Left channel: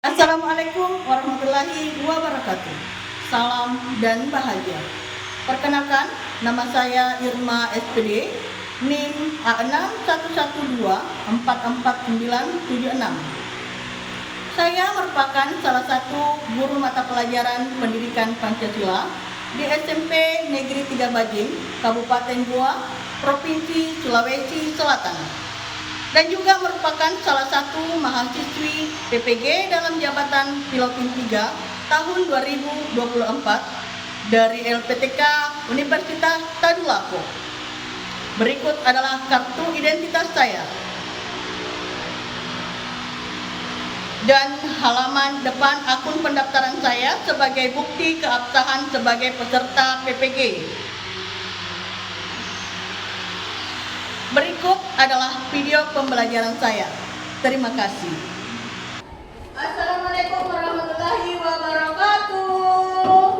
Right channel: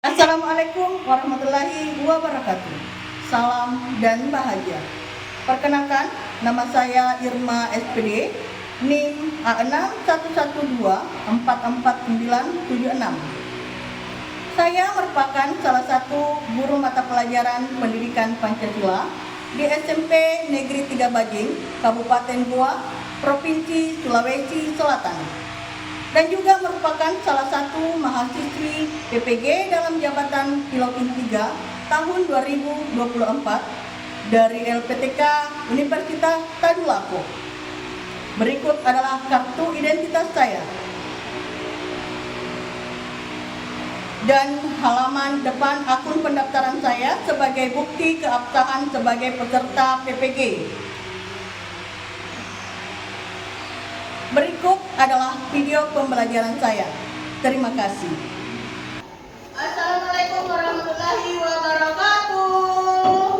Assalamualaikum warahmatullahi wabarakatuh. Salam dan bahagia. Perkenalkan, nama saya Irma SPD, NIM A6112449976. Saya merupakan salah satu guru mata pelajaran pendidikan Pancasila di SMP Negeri 3 Bajing, Kabupaten Goa, Provinsi Sulawesi Selatan, dan juga merupakan salah satu mahasiswi PPG dalam jabatan Pilotin 3 tahun 2024 dari LPTK Universitas Tadulako. Berikut adalah kartu identitas saya dan halaman depan akun pendaftaran saya sebagai bukti keabsahan sebagai peserta PPG. Berikut adalah video pembelajaran saya. Terima kasih. Assalamualaikum warahmatullahi wabarakatuh.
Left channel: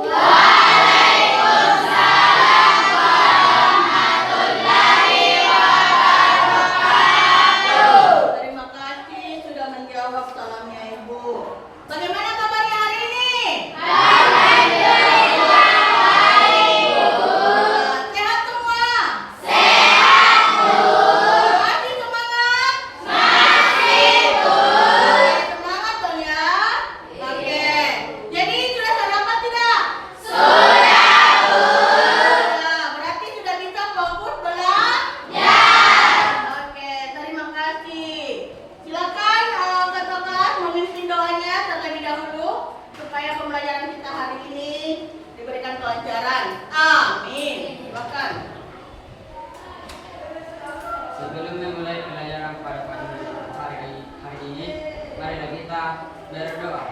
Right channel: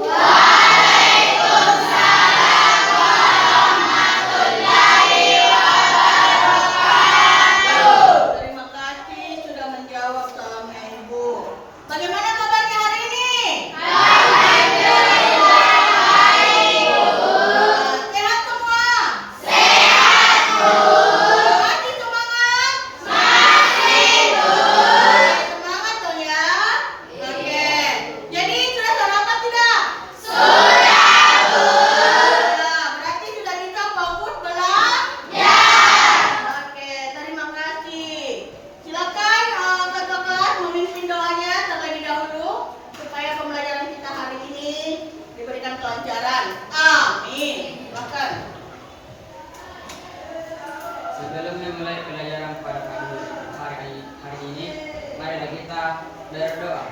Waalaikumsalam warahmatullahi wabarakatuh. Terima kasih sudah menjawab salamnya Ibu. Bagaimana kabarnya hari ini? Alhamdulillah baik, Bu. Sehat semua? Sehat, Bu. Masih semangat? Masih, Bu. Semangat dong ya. Oke. Jadi sudah sarapan tidak? Sudah, Bu. Ya, berarti sudah bisa fokus belajar. Oke, terima kasih. Silakan ketua kelas memimpin doanya terlebih dahulu supaya pembelajaran kita hari ini diberikan kelancaran. Amin. Silakan. Sebelum memulai pelajaran pada hari ini, marilah kita berdoa.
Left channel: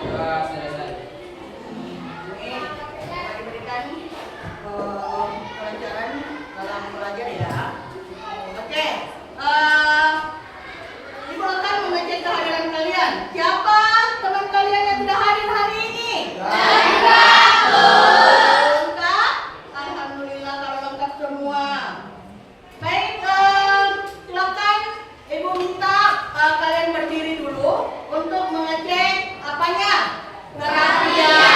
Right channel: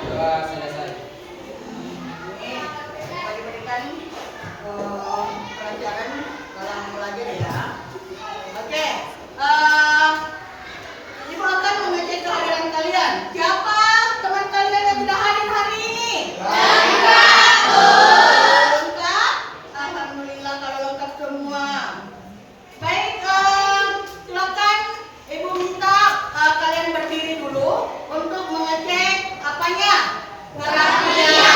Doa selesai. Amin. Semoga diberikan kelancaran dalam belajar ya. Oke. Ibu akan mengecek kehadiran kalian. Siapa teman kalian yang sudah hadir hari ini? Lengkap. Alhamdulillah kalau lengkap semua. Baik, silakan Ibu minta kalian berdiri dulu untuk mengecek apanya? Kerapian.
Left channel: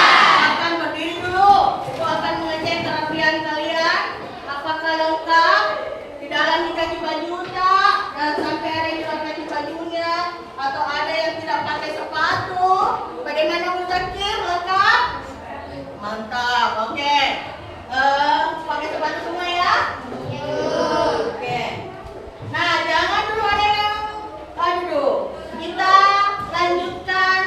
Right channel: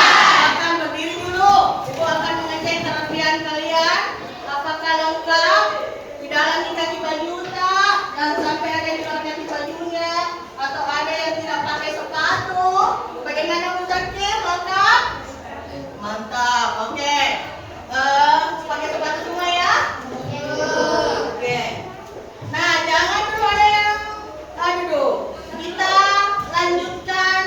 Akan berdiri dulu. Ibu akan mengecek kerapian kalian. Apakah lengkap? Tidak lagi kaki baju tak? Dan sampai ada yang keluar kaki bajunya atau ada yang tidak pakai sepatu. Bagaimana Bu Zakir? Lengkap? Mantap. Oke. Pakai sepatu semua ya? Oke. Nah, jangan dulu ada yang kita lanjutkan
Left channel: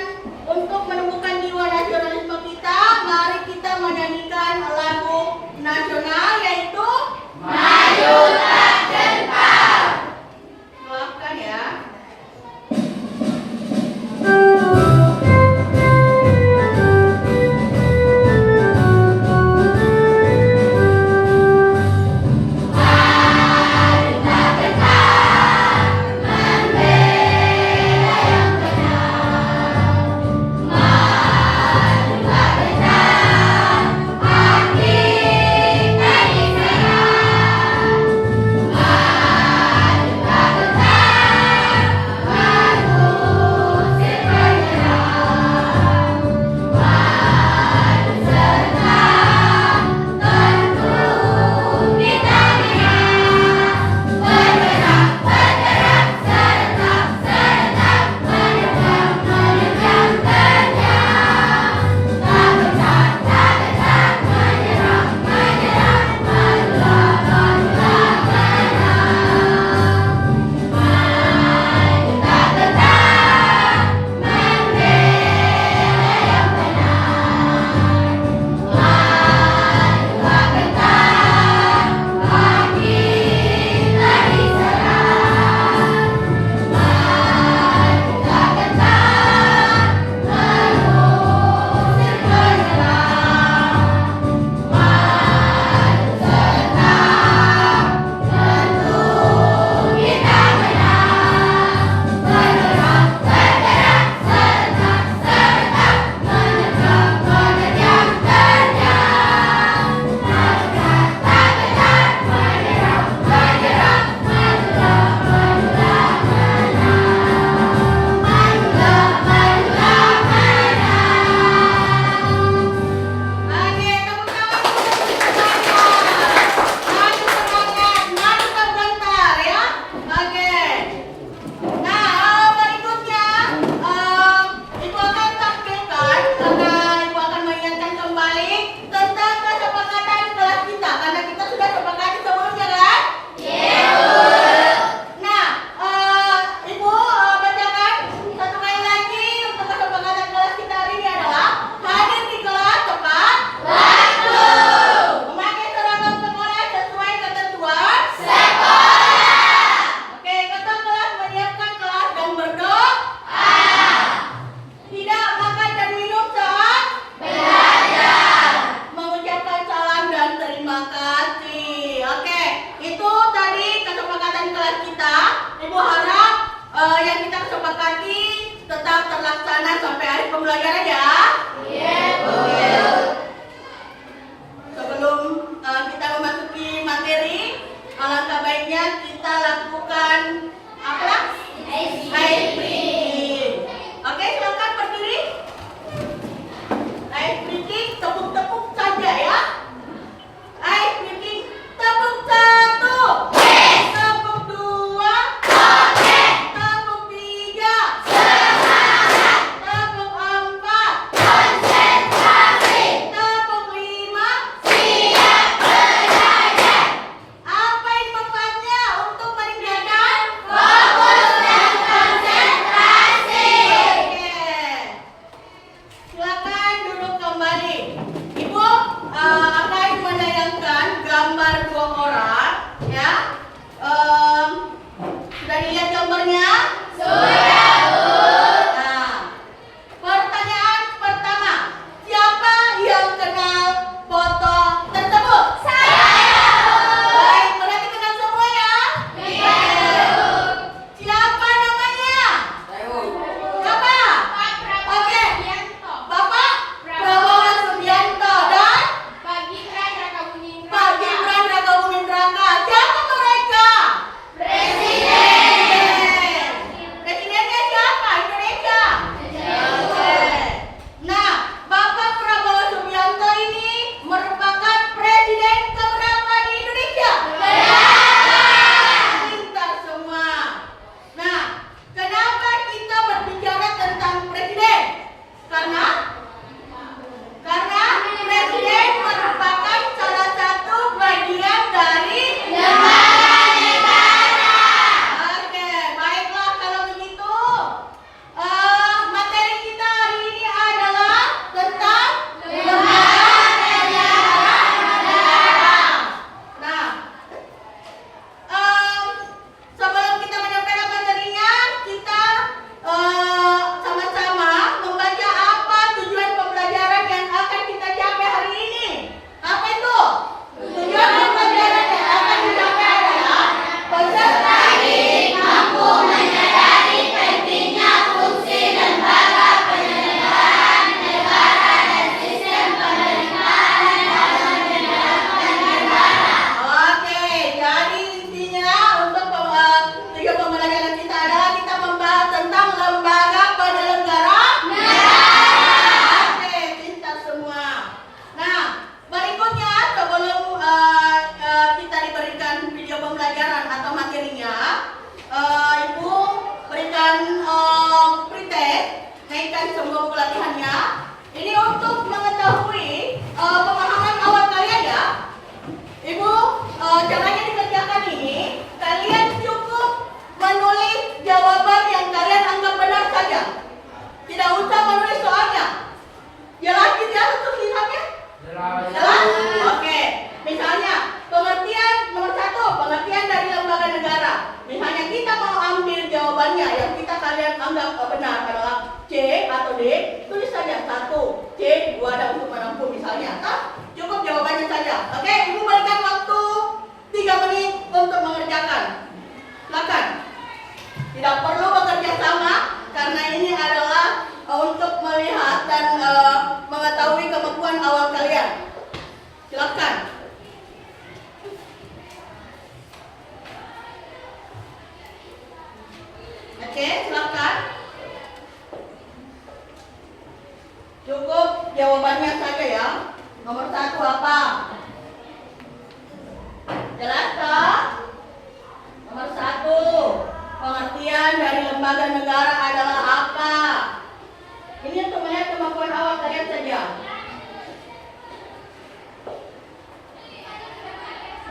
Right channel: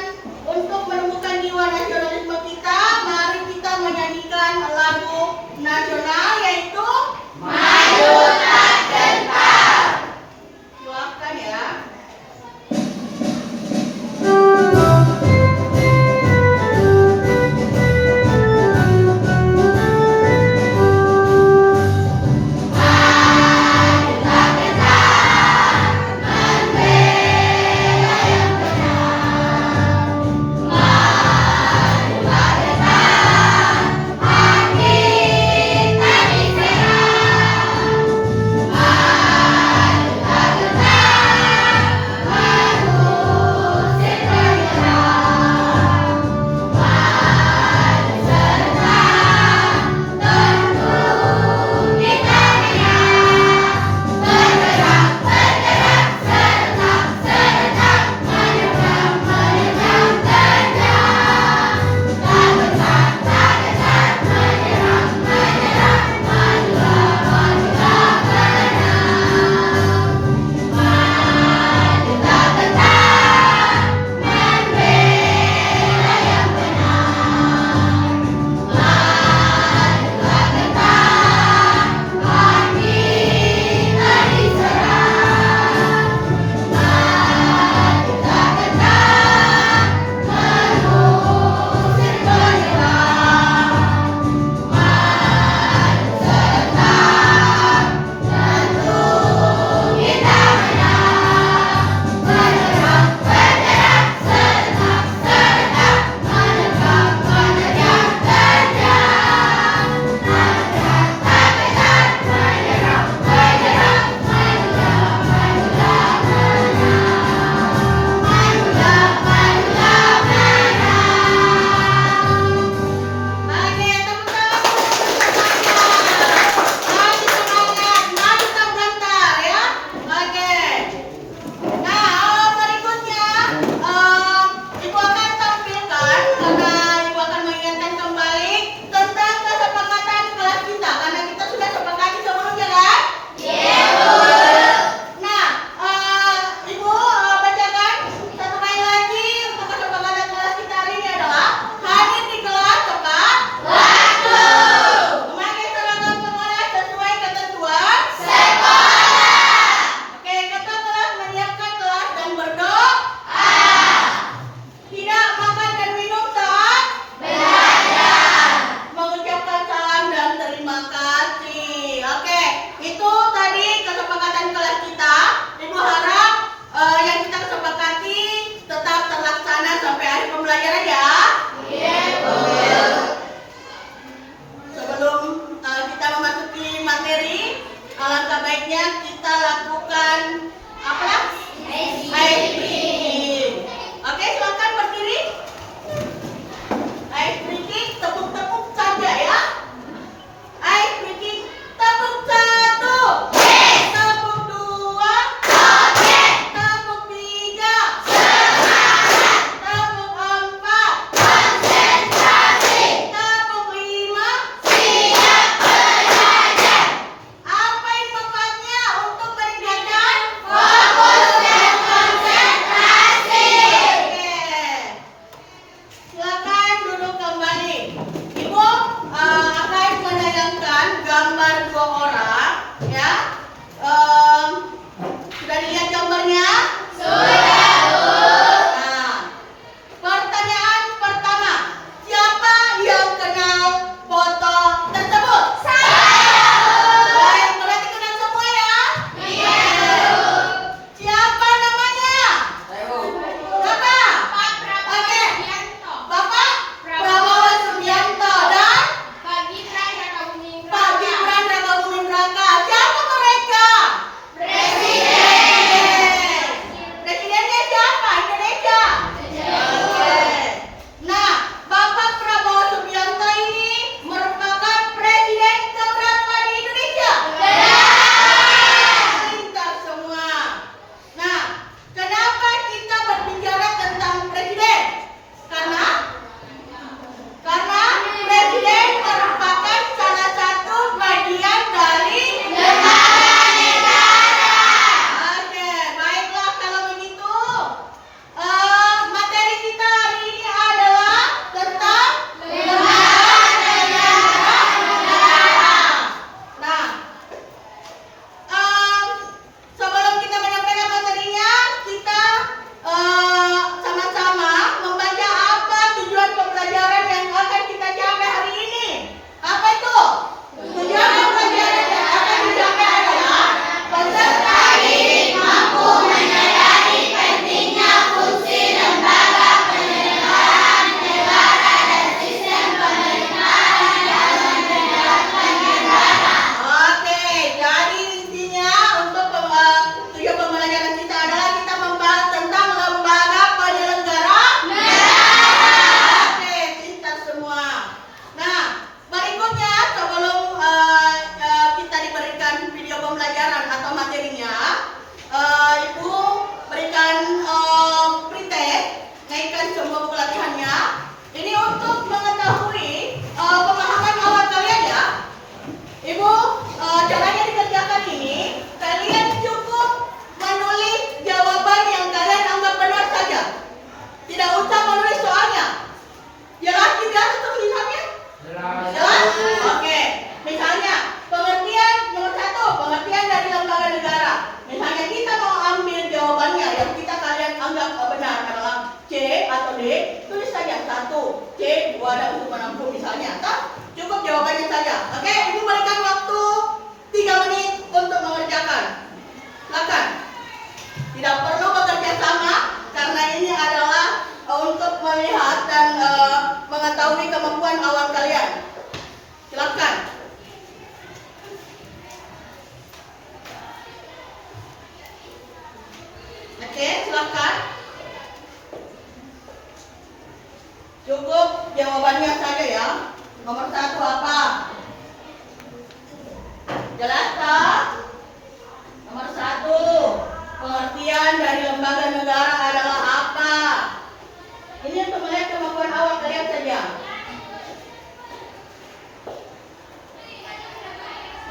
untuk menumbuhkan jiwa nasionalisme kita. Mari kita menyanyikan lagu nasional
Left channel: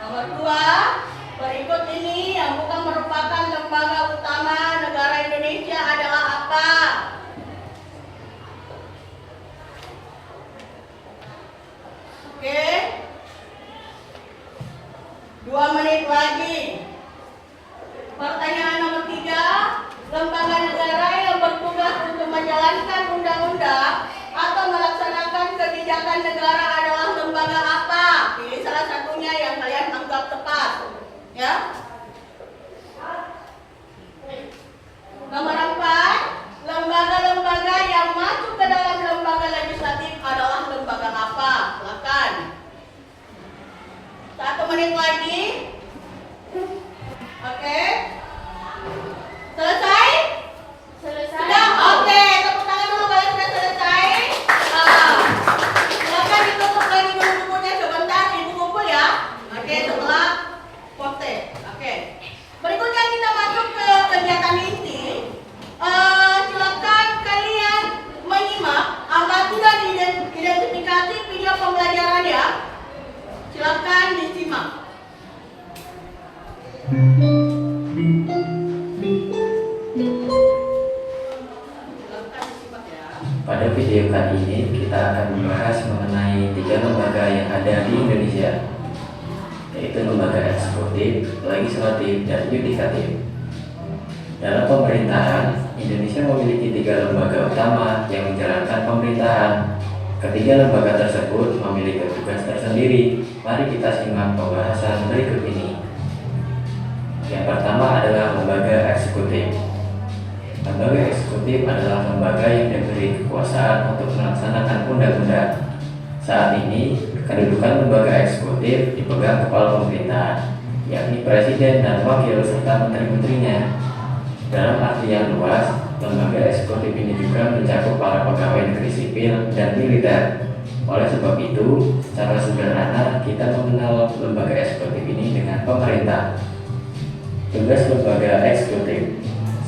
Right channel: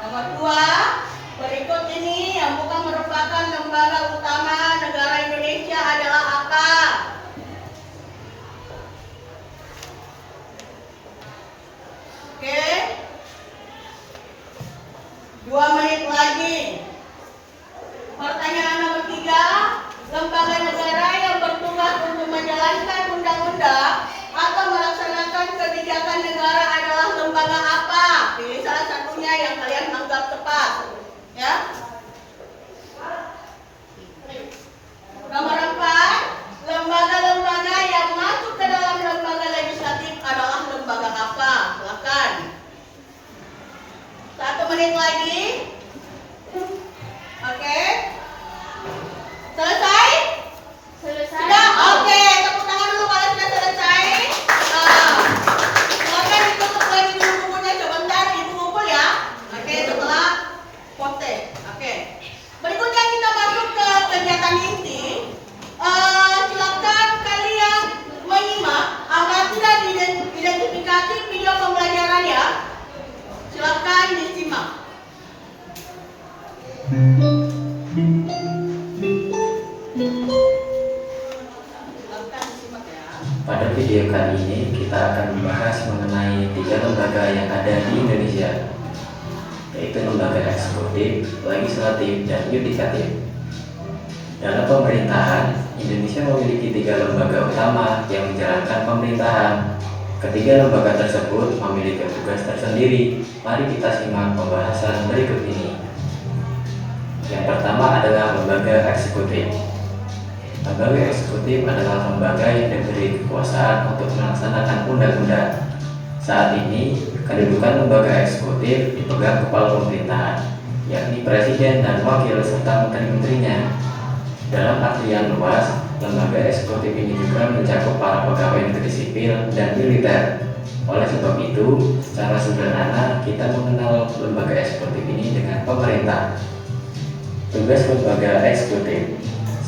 Nomor 2, berikut ini yang bukan merupakan lembaga utama negara Indonesia adalah apa? Oke. 2 menit lagi. Pertanyaan nomor 3, lembaga negara yang bertugas untuk menjalankan undang-undang atau melaksanakan kebijakan negara adalah lembaga apa? Pilih salah satunya yang kalian anggap tepat. Ya. Nomor 4, lembaga-lembaga yang masuk ke dalam lembaga legislatif adalah lembaga apa? Silakan. 1 menit lagi. Oke. Selesai? Sudah? Oke, tepuk tangan dulu kalau sudah selesai. Silakan ditutup lagi dulu bukunya sebentar, ibu kumpul ya. Oke, setelah poste. Oke. Berikutnya kita masuk ke kegiatan inti. Silakan kalian menyimak agar tidak diidentifikasi video pembelajaran ya. Silakan disimak. Pada video kali ini kita akan membahas mengenai 3 lembaga yang ada di Indonesia, yaitu lembaga eksekutif, legislatif, dan yudikatif. Dalam pemerintahan, Indonesia memiliki 3 lembaga utama yang menjalankan pemerintahan. Ketiga lembaga tersebut memiliki tugas tersendiri. Mari kita simak pembahasan berikut ini. Yang pertama adalah lembaga eksekutif. Lembaga eksekutif adalah lembaga yang diberi kekuasaan untuk melaksanakan undang-undang. Saat ini, kedudukan lembaga eksekutif dipegang kepala pemerintahan, yakni presiden dan wakil serta menteri-menterinya. Dalam artian luas, lembaga eksekutif ini juga mencakup para pegawai negeri sipil dan militer. Oleh sebab itu, secara sederhana kita mengenal lembaga eksekutif ini dengan pemerintah. Tugas lembaga eksekutif.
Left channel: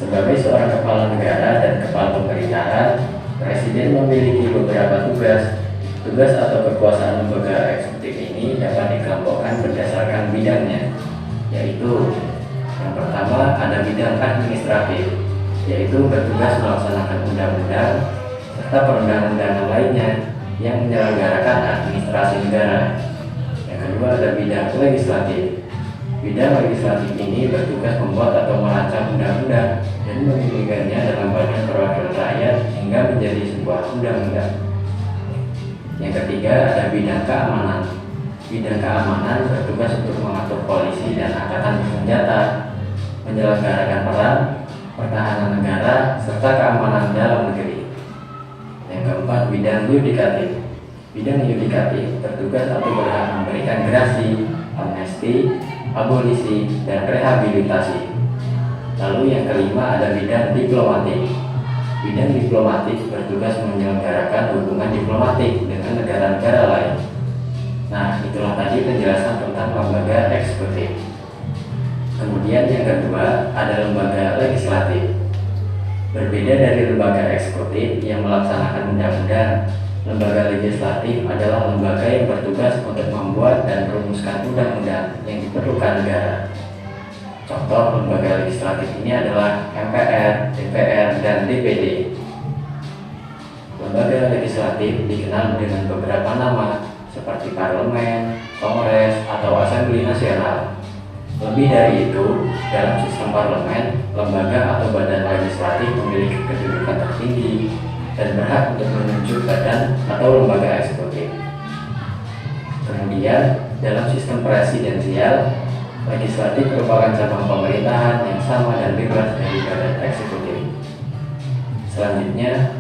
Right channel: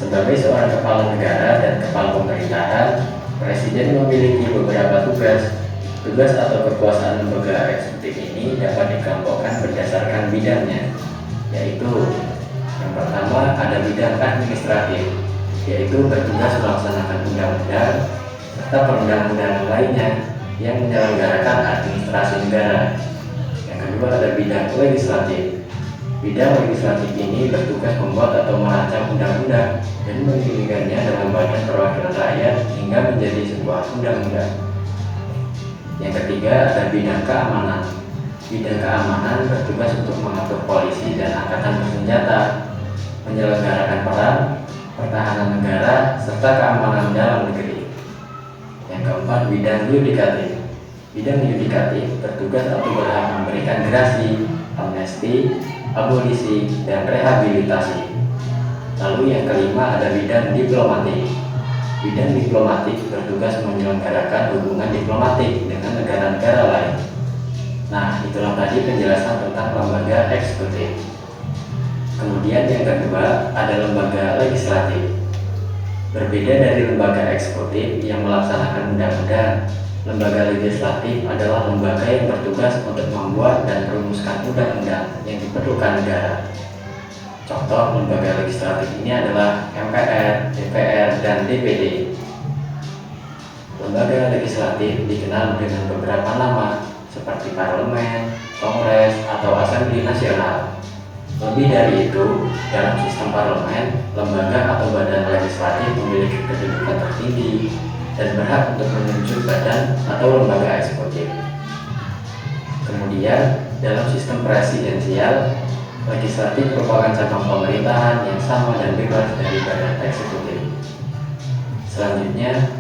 Sebagai seorang kepala negara dan kepala pemerintahan, presiden memiliki beberapa tugas. Tugas atau kekuasaan lembaga eksekutif ini dapat dikelompokkan berdasarkan bidangnya, yaitu yang pertama ada bidang administratif, yaitu bertugas melaksanakan undang-undang serta perundang-undangan lainnya yang menyelenggarakan administrasi negara. Yang kedua ada bidang legislatif. Bidang legislatif ini bertugas membuat atau merancang undang-undang dan mengirimkannya dalam badan perwakilan rakyat hingga menjadi sebuah undang-undang. Yang ketiga ada bidang keamanan. Bidang keamanan bertugas untuk mengatur polisi dan angkatan bersenjata, menyelenggarakan perang, pertahanan negara, serta keamanan dalam negeri. Yang keempat, bidang yudikatif. Bidang yudikatif bertugas atau berhak memberikan gerasi, amnesti, abolisi, dan rehabilitasi. Lalu yang kelima ada bidang diplomatik. Bidang diplomatik bertugas menyelenggarakan hubungan diplomatik dengan negara-negara lain. Nah, itulah tadi penjelasan tentang lembaga eksekutif. Kemudian yang kedua ada lembaga legislatif. Berbeda dari lembaga eksekutif yang melaksanakan undang-undang, lembaga legislatif adalah lembaga yang bertugas untuk membuat dan merumuskan undang-undang yang diperlukan negara. Contoh lembaga legislatif ini adalah MPR, DPR, dan DPD. Lembaga legislatif dikenal dengan beberapa nama seperti parlemen, kongres, atau asambli nasional. Lebih dari itu, dalam sistem parlemen, lembaga atau badan legislatif memiliki kedudukan tertinggi dan berhak untuk menunjuk badan atau lembaga eksekutif. Kemudian, dalam sistem presidensial, legislatif merupakan cabang pemerintahan yang sama dan bebas dari badan eksekutif. Selanjutnya,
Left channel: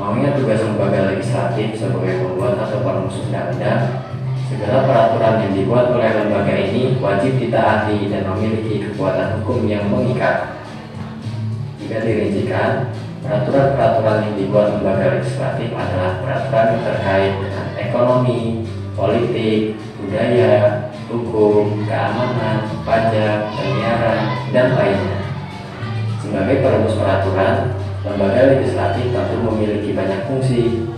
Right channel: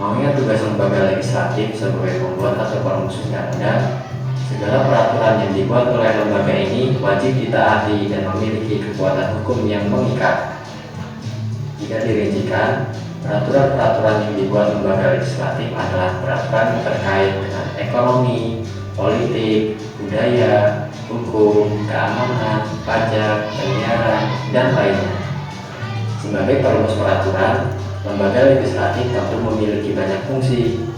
mengingat tugas lembaga legislatif sebagai pembuat atau perumus undang-undang, segala peraturan yang dibuat oleh lembaga ini wajib ditaati dan memiliki kekuatan hukum yang mengikat. Jika dirincikan, peraturan-peraturan yang dibuat lembaga legislatif adalah peraturan yang terkait dengan ekonomi, politik, budaya, hukum, keamanan, pajak, penyiaran, dan lainnya. Sebagai perumus peraturan, lembaga legislatif tentu memiliki banyak fungsi.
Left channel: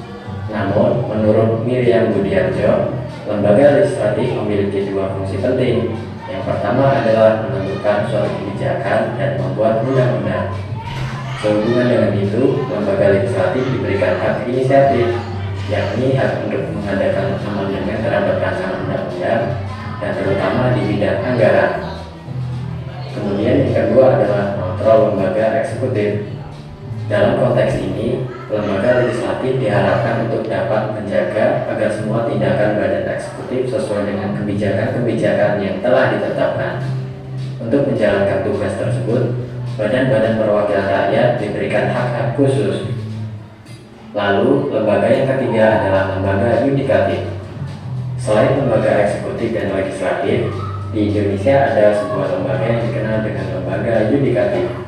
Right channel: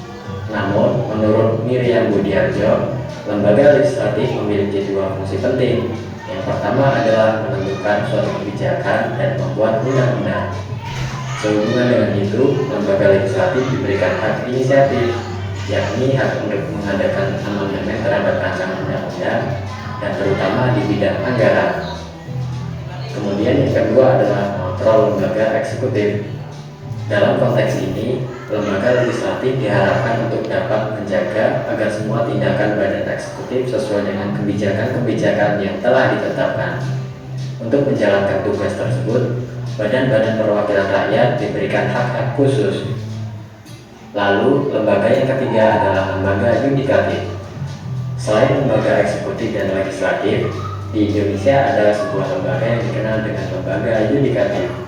Namun, menurut Miriam Budiarjo, lembaga legislatif memiliki 2 fungsi penting. Yang pertama adalah menentukan suatu kebijakan dan membuat undang-undang. Sehubungan dengan itu, lembaga legislatif diberikan hak inisiatif, yakni hak untuk mengadakan amandemen terhadap rancangan undang-undang dan terutama di bidang anggaran. Kemudian yang kedua adalah mengontrol lembaga eksekutif. Dalam konteks ini, lembaga legislatif diharapkan untuk dapat menjaga agar semua tindakan badan eksekutif sesuai dengan kebijakan-kebijakan yang telah ditetapkan. Untuk menjalankan tugas tersebut, badan-badan perwakilan rakyat diberikan hak-hak khusus. Lalu, lembaga yang ketiga adalah lembaga yudikatif. Selain lembaga eksekutif dan legislatif, di Indonesia ada sebuah lembaga yang dikenal dengan lembaga yudikatif.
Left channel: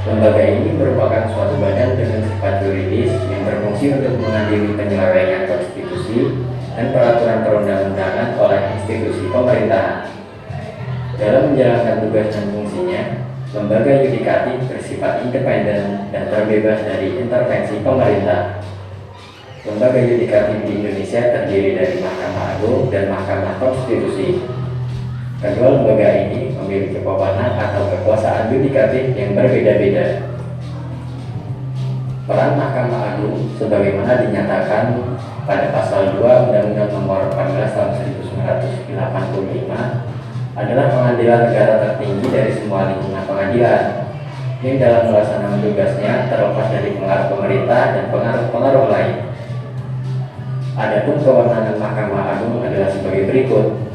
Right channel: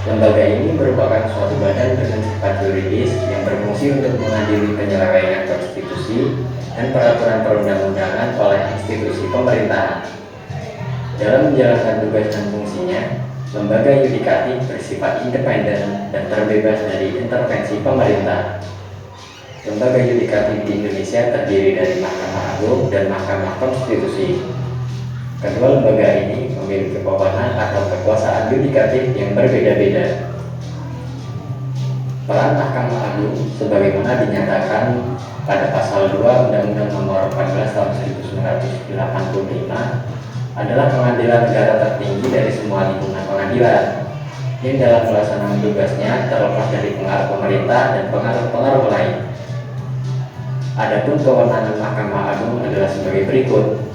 Lembaga ini merupakan suatu badan dengan sifat yuridis yang berfungsi untuk mengadili penyelesaian konstitusi dan peraturan perundang-undangan oleh institusi pemerintahan. Dalam menjalankan tugas dan fungsinya, lembaga yudikatif bersifat independen dan terbebas dari intervensi pemerintah. Lembaga yudikatif di Indonesia terdiri dari Mahkamah Agung dan Mahkamah Konstitusi. Kedua lembaga ini memiliki wewenang atau kekuasaan yudikatif yang berbeda-beda. Peran Mahkamah Agung sebagaimana dinyatakan pada pasal 2 Undang-Undang Nomor 14 Tahun 1985 adalah pengadilan negara tertinggi dari semua lingkungan pengadilan yang dalam melaksanakan tugasnya terlepas dari pengaruh pemerintah dan pengaruh-pengaruh lain. Adapun kewenangan Mahkamah Agung adalah sebagai berikut.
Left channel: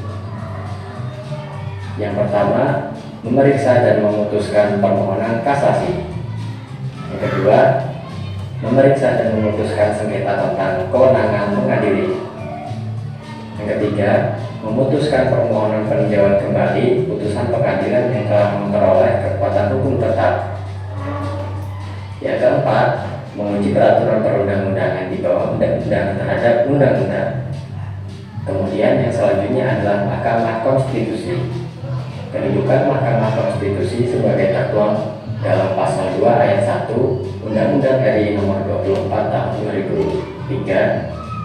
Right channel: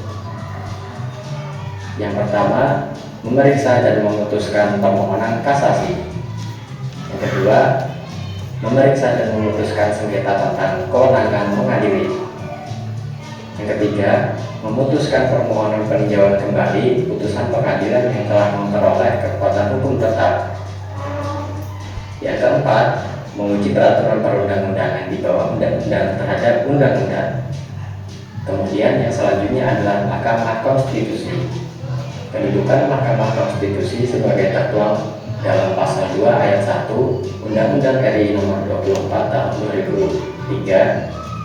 Yang pertama, memeriksa dan memutuskan permohonan kasasi. Yang kedua, memeriksa dan memutuskan sengketa tentang kewenangan mengadili. Yang ketiga, memutuskan permohonan peninjauan kembali putusan pengadilan yang telah memperoleh kekuatan hukum tetap. Yang keempat, menguji peraturan perundang-undangan di bawah undang-undang terhadap undang-undang. Kemudian yang selanjutnya adalah Mahkamah Konstitusi. Kedudukan Mahkamah Konstitusi sebagai tertuang dalam pasal 2 ayat 1 Undang-Undang RI Nomor 24 Tahun 2003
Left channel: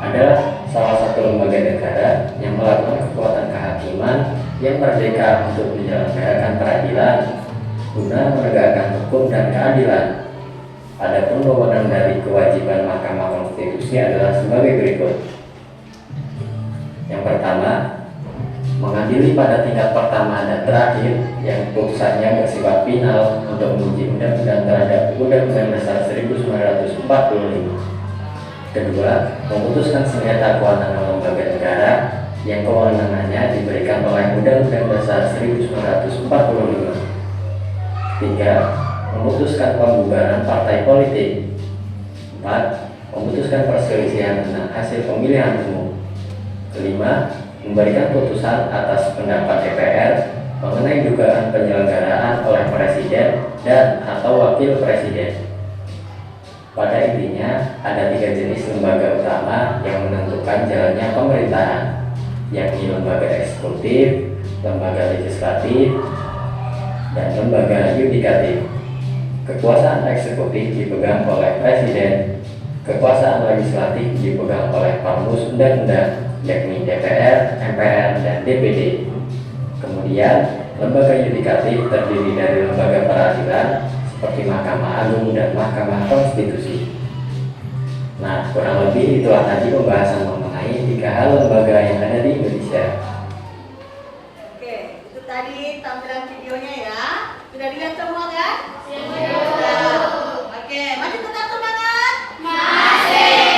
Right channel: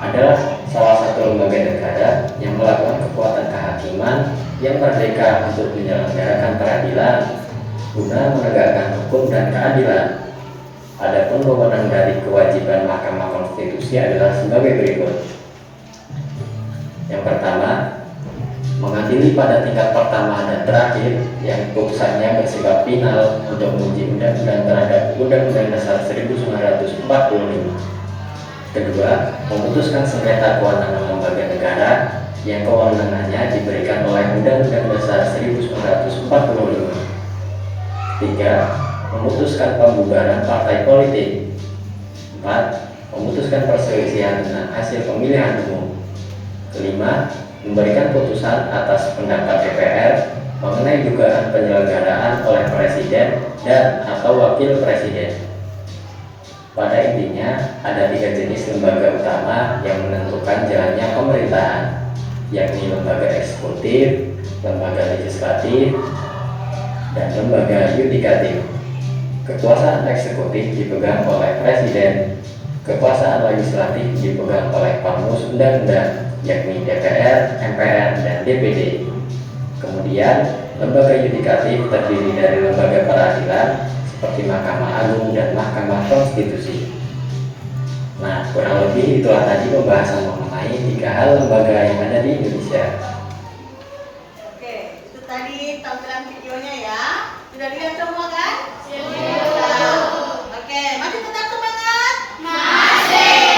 adalah salah satu lembaga negara yang melakukan kekuatan kehakiman yang merdeka untuk menyelenggarakan peradilan guna menegakkan hukum dan keadilan. Adapun wewenang dari kewajiban Mahkamah Konstitusi adalah sebagai berikut. Yang pertama, mengadili pada tingkat pertama dan terakhir yang putusannya bersifat final untuk menguji undang-undang terhadap Undang-Undang Dasar 1945. Kedua, memutuskan sengketa kewenangan lembaga negara yang kewenangannya diberikan oleh Undang-Undang Dasar 1945. Ketiga, memutuskan pembubaran partai politik. 4. Memutuskan perselisihan dengan hasil pemilihan umum. Kelima, memberikan putusan atas pendapat DPR mengenai dugaan penyelenggaraan oleh Presiden dan atau Wakil Presiden. Pada intinya, ada 3 jenis lembaga utama yang menentukan jalannya pemerintahan, yakni lembaga eksekutif, lembaga legislatif, dan lembaga yudikatif. Kekuasaan eksekutif dipegang oleh Presiden, kekuasaan legislatif dipegang oleh perumus undang-undang, yakni DPR, MPR, dan DPD. Kemudian, lembaga yudikatif terdiri dari lembaga peradilan seperti Mahkamah Agung dan Mahkamah Konstitusi. Nah, kurang lebih itulah tadi pembahasan mengenai 3 hal lembaga yang ada di Indonesia. Oke, itu tadi tampilan videonya ya. Sudah dilihat semua kan? Sudah. Oke, masih tetap semangat? Masih.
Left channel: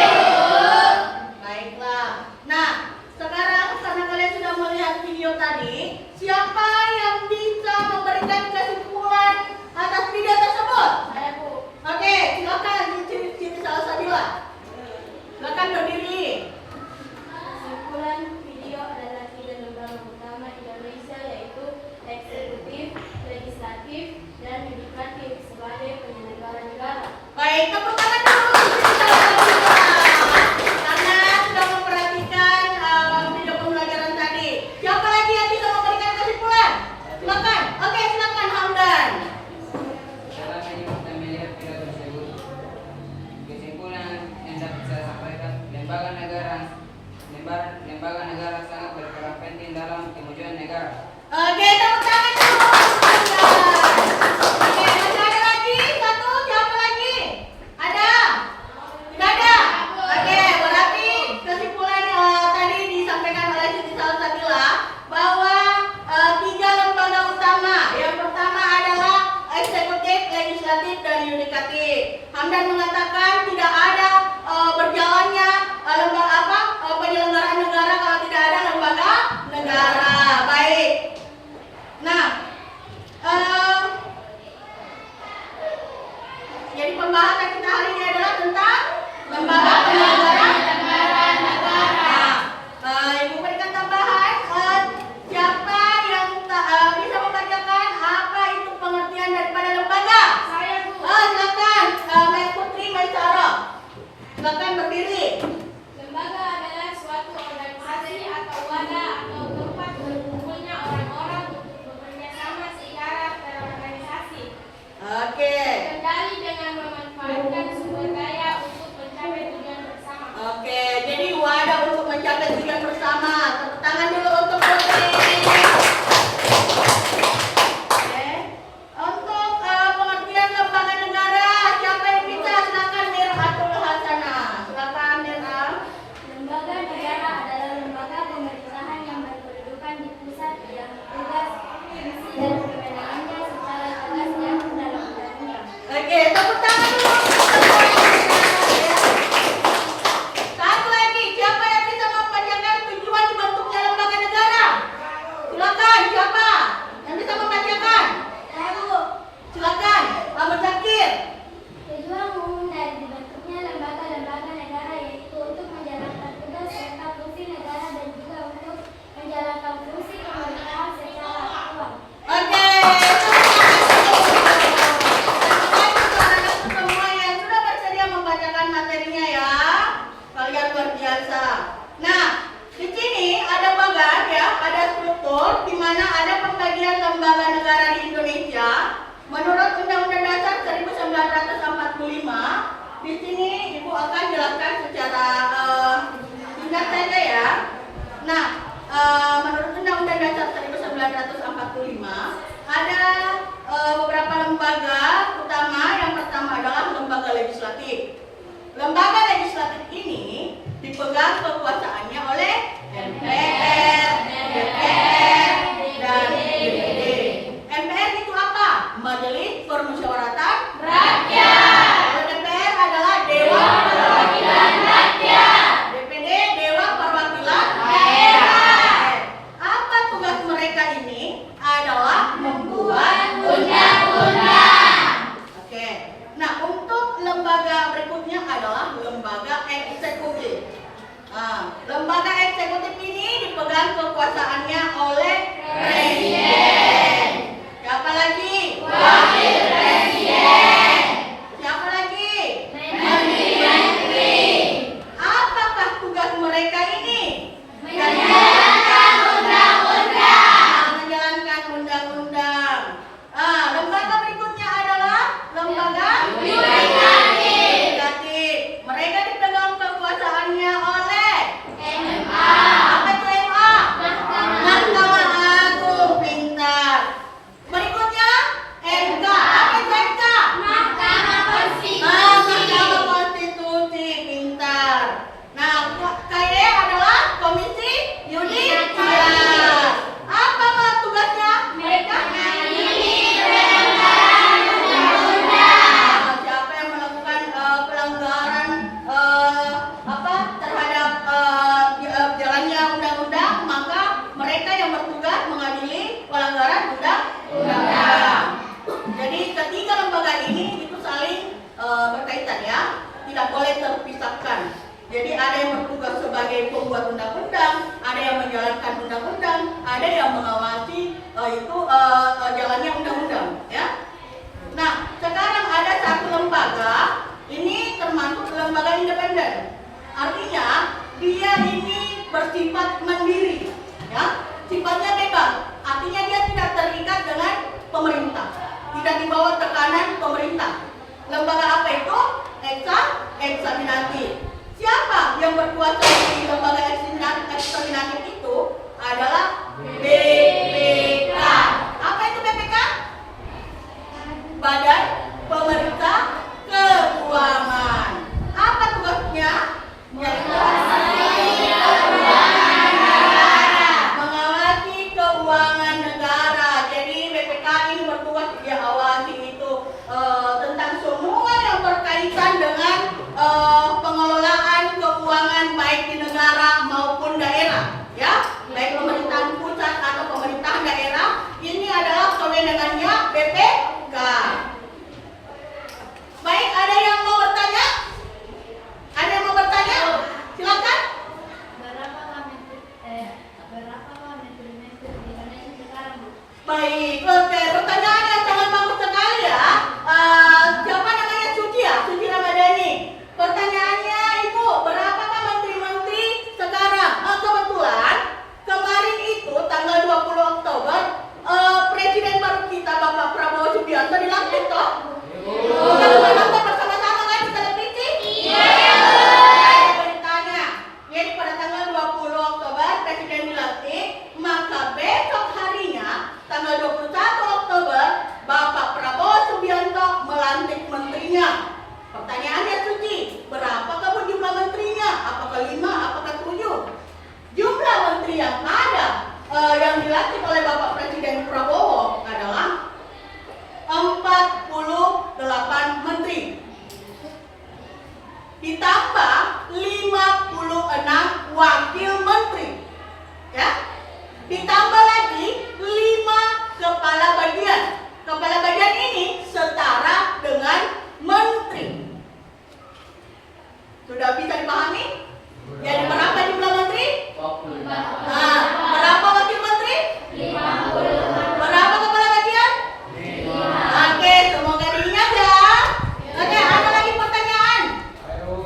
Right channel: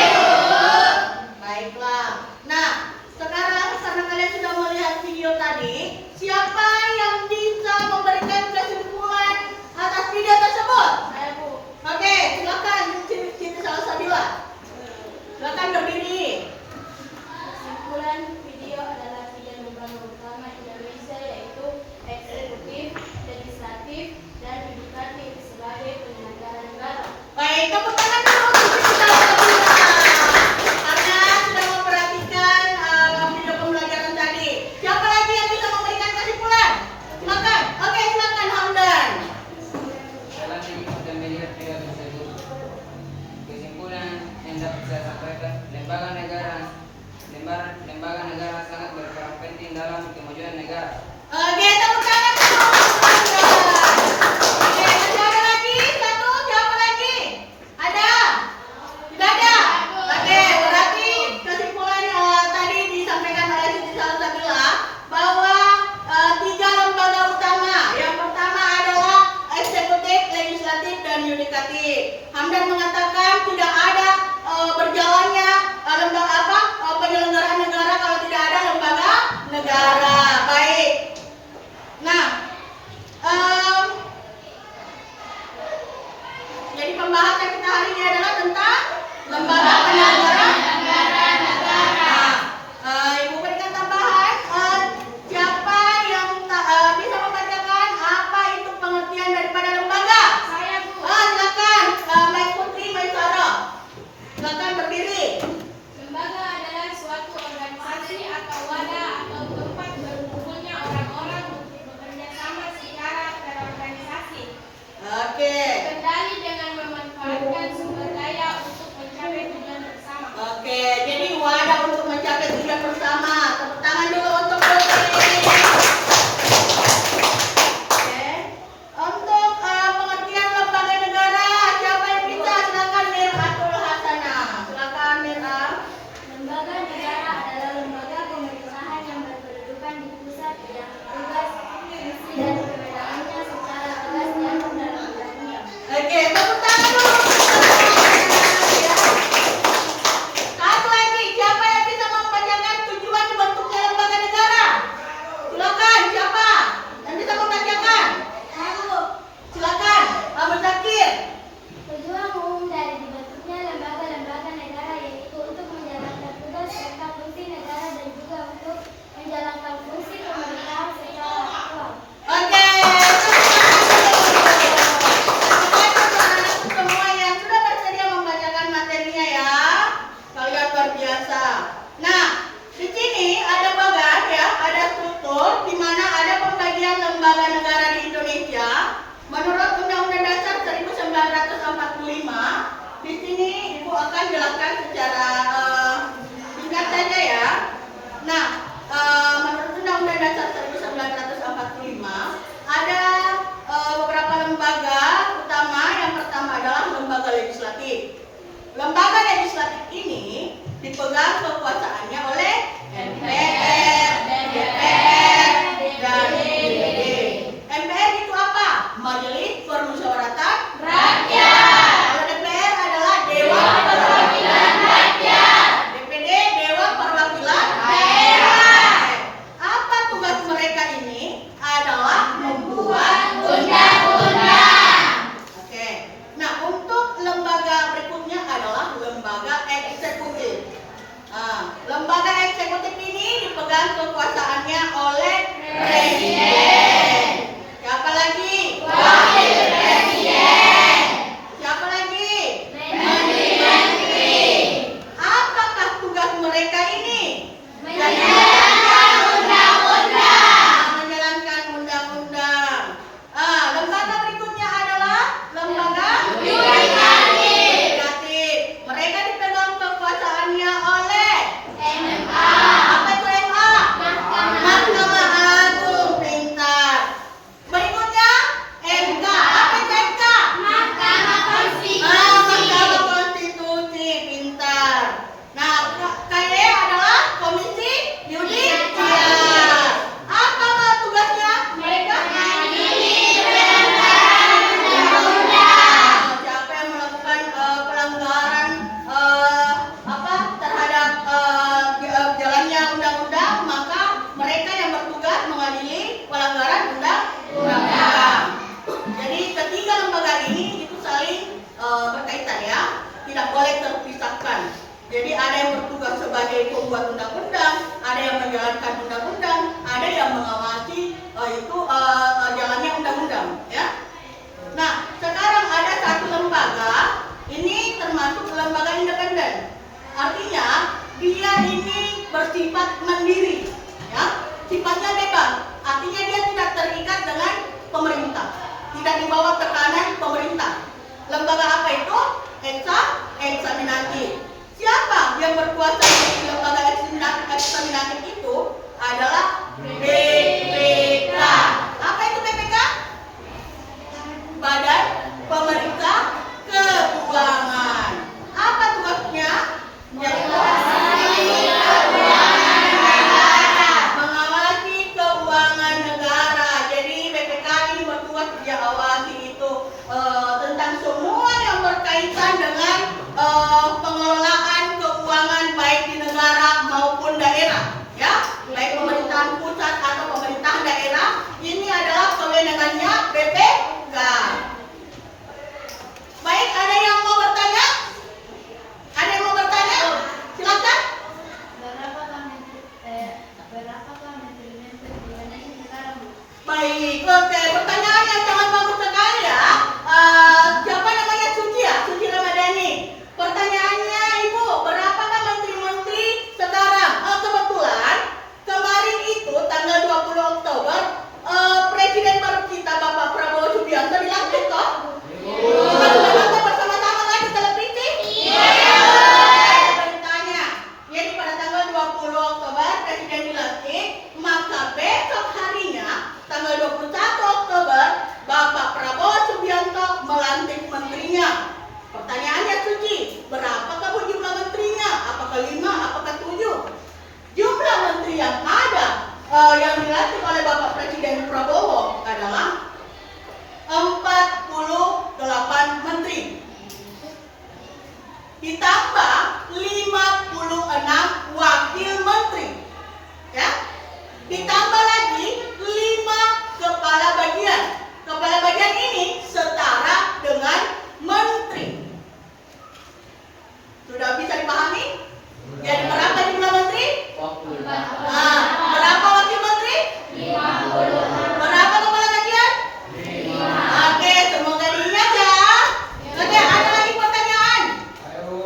Baiklah. Nah, sekarang karena kalian sudah melihat video tadi, siapa yang bisa memberikan kesimpulan atas video tersebut? Saya Bu. Oke, silakan Siti Salsabila. Silakan berdiri. Kesimpulan video adalah 3 lembaga utama Indonesia yaitu eksekutif, legislatif, dan yudikatif sebagai penyelenggara negara. Baik, tepuk tangan dulu untuk Siti Salsabila. Karena sudah memperhatikan video pembelajaran tadi. Siapa lagi yang bisa memberikan kesimpulan? Silakan. Oke, silakan Hamdan. Setelah kita melihat video tersebut, kesimpulan yang dapat saya sampaikan, lembaga negara dalam kemajuan negara. Oke, tepuk tangan dulu. Oke, masih ada lagi? Satu, siapa lagi? Ada? Tidak ada? Oke, berarti kesimpulan tadi disampaikan oleh Siti Salsabila bahwa 3 lembaga utama. Yang pertama adalah eksekutif, legislatif, dan yudikatif. Hamdan mengatakan tidak ada berjalannya penyelenggaraan negara kalau tidak ada lembaga negara. Baik. Nah, jadi pembahasan kita hari ini adalah tentang lembaga penyelenggara negara. Ibu berikan tambahan. Siapa yang bisa membacakan apa itu pengertian daripada lembaga? Saya, Bu. Silakan, Mbak Putri, Mbak Sarah. Silakan berdiri. Lembaga adalah suatu organisasi atau wadah atau tempat berkumpulnya orang-orang untuk bekerja sama secara terorganisasi. Oke. Kendali dengan memanfaatkan sumber daya untuk mencapai tujuan bersama. Oke, jadi wadah untuk mencapai tujuan bersama. Tepuk tangan dulu untuk Putri. Oke. Untuk pengertian lembaga negara, siapa yang bisa? Silakan Mirhatul Hasanah. Silakan Mirha. Lembaga negara adalah lembaga pemerintahan yang berkedudukan di pusat yang tugas, misi, dan kewenangannya secara tegas diatur dalam undang-undang. Oke, tepuk tangan dulu. Ya. Satu lagi, siapa yang bisa membacakan tujuan dibentuknya lembaga negara? Silakan, siapa yang bisa membacakan? Lalu, Silakan, Pak Muzakir. tujuan umum dari dibentuknya lembaga-lembaga negara yaitu untuk menjalankan tugas serta fungsi negara dan juga untuk menjalankan fungsi pemerintahan secara aktual. Oke, anak-anak semua yang sudah bersedia membacakan materinya ya. Kalian luar biasa. Nah, di sini ada bagan ya, ada struktur di mana ada pembagian lembaga negara di Indonesia. Menurut Undang-Undang Dasar 1945, di sini Ibu akan jelaskan secara singkat saja ya. Nah, menurut Undang-Undang Dasar 1945 ada beberapa lembaga utama. Yang pertama adalah lembaga legislatif. Lembaga legislatif ini dipegang kekuasaannya oleh MPR, DPR, dan DPD. MPR itu apa? Majelis Permusyawaratan Rakyat. Kalau DPR adalah Dewan Perwakilan Rakyat. DPD Dewan Perwakilan Daerah. Apa tugas mereka ini? Adalah membuat undang-undang. Oke. Nah, untuk lembaga berikutnya adalah lembaga eksekutif. Lembaga eksekutif ini dipegang kekuasaannya oleh Presiden. Siapa lagi? Wakil Presiden. Siapa lagi? Menteri. Apakah tugas mereka ini? Menjalankan undang-undang. Menjalankan undang-undang. Lembaga berikutnya adalah lembaga yudikatif. Mereka dipegang kekuasaannya oleh MMA. Apa itu MMA? Mahkamah Agung. Pintar. Berikutnya MK. Apa itu MK? Mahkamah Konstitusi. Mahkamah Konstitusi. Pintar. Nah, KYE adalah Komisi Yudisial. Apa tugasnya? Mereka siapa yang melakukan pelanggaran terhadap jalannya undang-undang, maka mereka yang bertugas mengadili pelanggaran undang-undang. Jadi ketiga lembaga ini itu saling berkaitan ya, tidak boleh terpisahkan. Jadi ada yang bertugas sebagai pembuat undang-undang, ada yang menjalankan undang-undang, ada yang mengawasi jalannya undang-undang ya. Nah, sekarang ada satu lembaga, ini termasuk lembaga independen. Artinya dia ini bersifat mandiri, ya, sifatnya bebas. Artinya dia tidak terikat dengan pemerintah, tidak dibawa tekanan pemerintah. Lembaga apa itu? Eksaminatif. Siapa yang berkuasa di lembaga eksaminatif itu? Adalah keuangan negara. Jadi BPK ini bertugas dia awasi itu tentang semua yang berkaitan dengan pengelolaan keuangan baik di negara maupun daerah, ya, baik pemerintahan pusat atau pemerintahan daerah. Ini adalah kewenangannya BPK. Baik, ada yang mau bertanya? Ada yang mau bertanya? Silakan. Berapakah menteri-menteri di Indonesia sekarang, Bu? Baik, oke, pertanyaan yang sangat bagus sekali ya. Siapa namanya Suci ya? Suci Ramadhani. Pertanyaannya Ibu, berapakah menteri-menteri sekarang? Kebetulan kemarin itu tanggal 20 Oktober Presiden baru kita Bapak Prabowo Subianto dilantik toh? Sudah nonton bersama-sama kan di televisi? Iya. Beritanya. Jadi pada tanggal 20 Oktober Presiden dilantik, maka besok harinya tanggal 21 Oktober Bapak Prabowo Subianto melantik menterinya. Pertanyaannya Suci, berapakah jumlah menterinya? Apakah 5, apakah 7? Jumlah menteri yang ada yang dilantik oleh Bapak Presiden Prabowo adalah 48 menteri. Ditambah 56 wakil menteri. Ya. Ditambah lagi 5 kepala bagian. Kepala bagian ini setara dengan menteri. Sudah bisa dipahami? Jadi berapa jumlah menteri? 48. Nah, berapa wakil menteri? 56. Berapa kepala bagian? 5. Oke, semoga diingat ya. Oke, ada lagi pertanyaan? Ayo.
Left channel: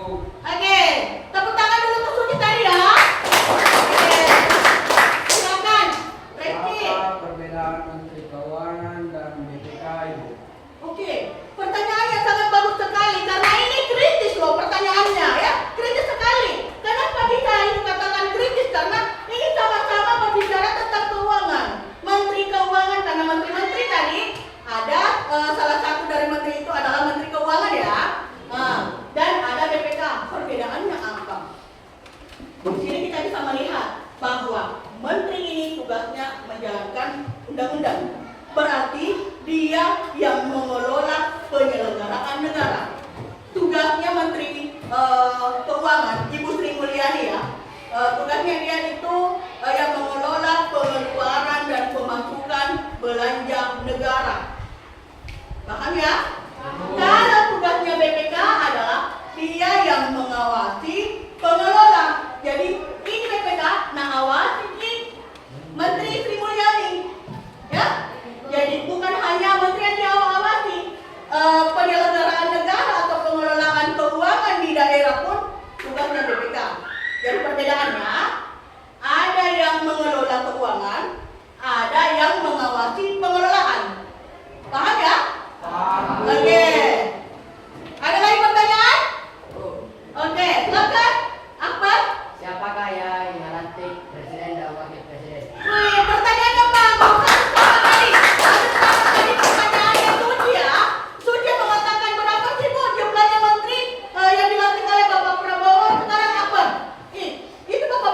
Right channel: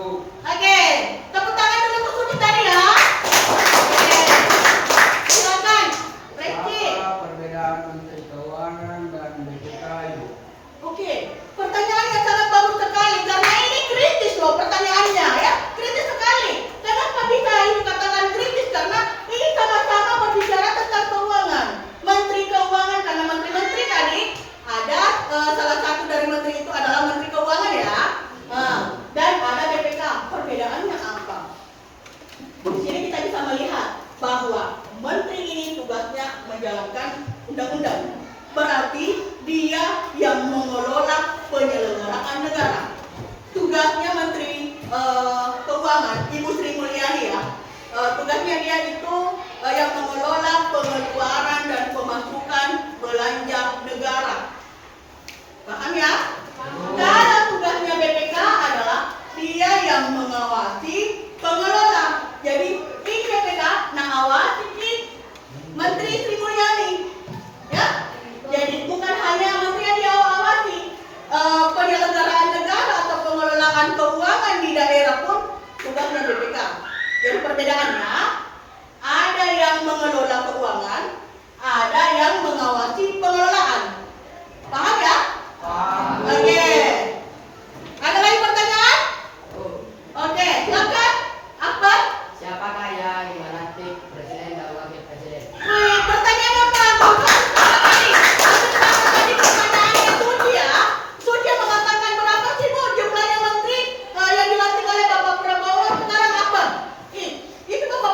Oke, tepuk tangan dulu untuk Suci tadi ya. Oke, silakan, Reski. Apa perbedaan Menteri Keuangan dan BPK, Ibu? Oke, pertanyaannya sangat bagus sekali karena ini kritis loh pertanyaannya ya, kritis sekali. Kenapa bisa ini katakan kritis? Karena ini sama-sama berbicara tentang keuangan. Menteri Keuangan, karena menteri-menteri tadi ada salah satu dari menteri itu adalah Menteri Keuangan ya, dan ada BPK. Perbedaannya apa? Di sini kita bisa melihat bahwa menteri ini tugasnya menjalankan undang-undang. Berarti dia yang mengelola penyelenggaraan negara. Tugasnya Menteri Keuangan, Ibu Sri Mulyani ya. Tugasnya dia itu yang mengelola pengeluaran dan pemasukan belanja negara. Paham ya? Kalau tugasnya BPK adalah dia yang mengawasi pengelola. Jadi ini BPK, nah awasi ini Menteri Sri Mulyani. Ya? Jadi bukan hanya menteri yang diawasi, penyelenggaraan negara atau pengelolaan keuangan di daerah pun tugasnya BPK. Jadi perbedaannya, ada yang mengelola keuangan, ada yang mengawasi pengelolaan. Paham ya? Paham. Oke. Ada lagi pertanyaan? Oke, silakan. Akbar. Siapakah yang melantik presiden dan wakil presiden? Wih, pertanyaannya bagus sekali. Tadi pertanyaannya Suci ya. Suci mengatakan berapa sih Bu jumlahnya menteri yang dilantik oleh Bapak Prabowo sekarang apa? Itu Bapak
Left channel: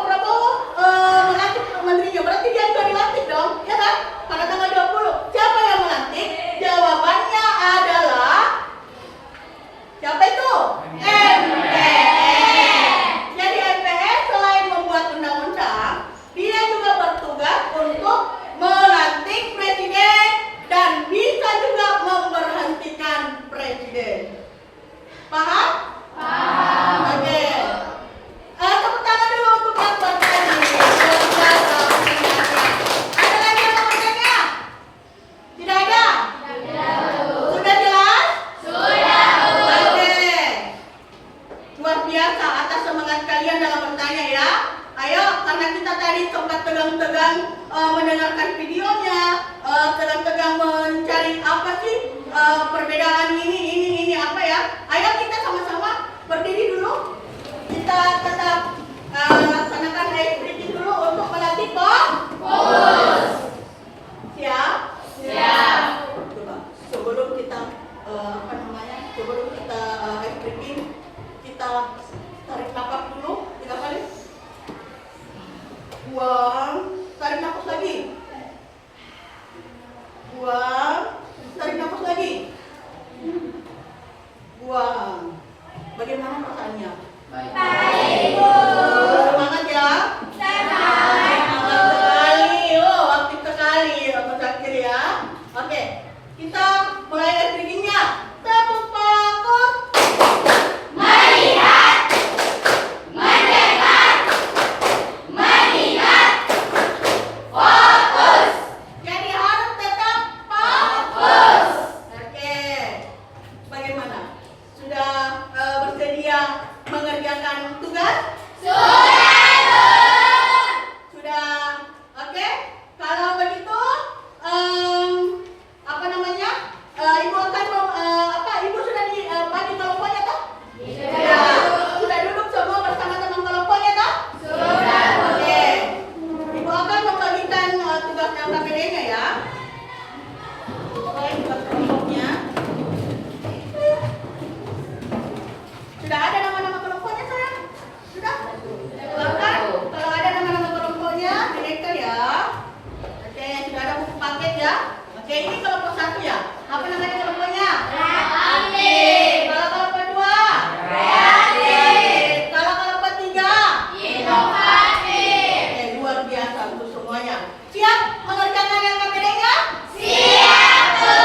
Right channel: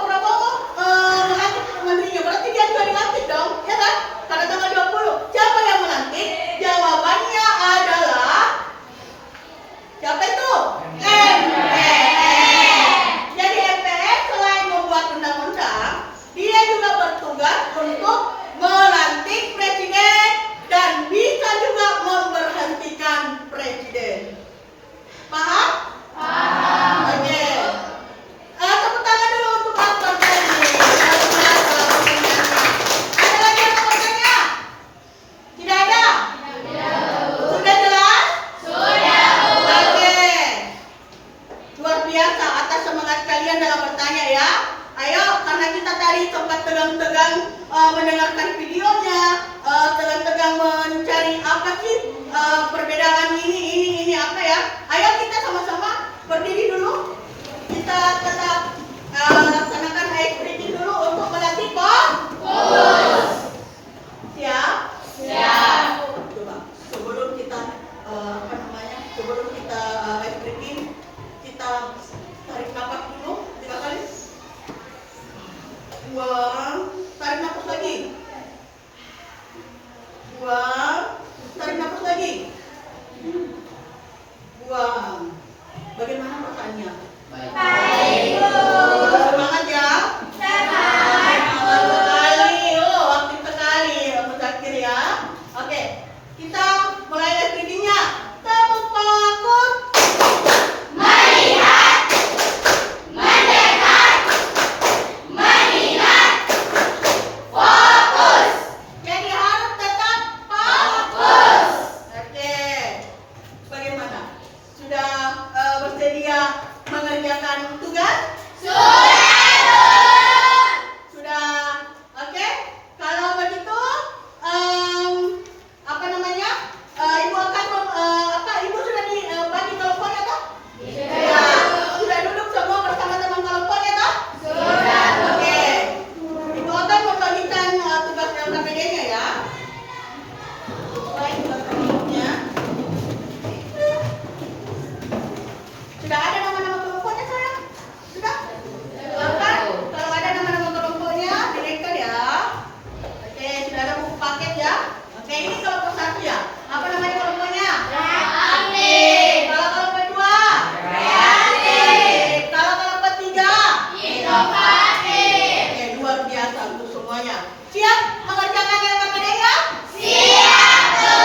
Siap mengerjakan LKPD-nya? Siap, Bu.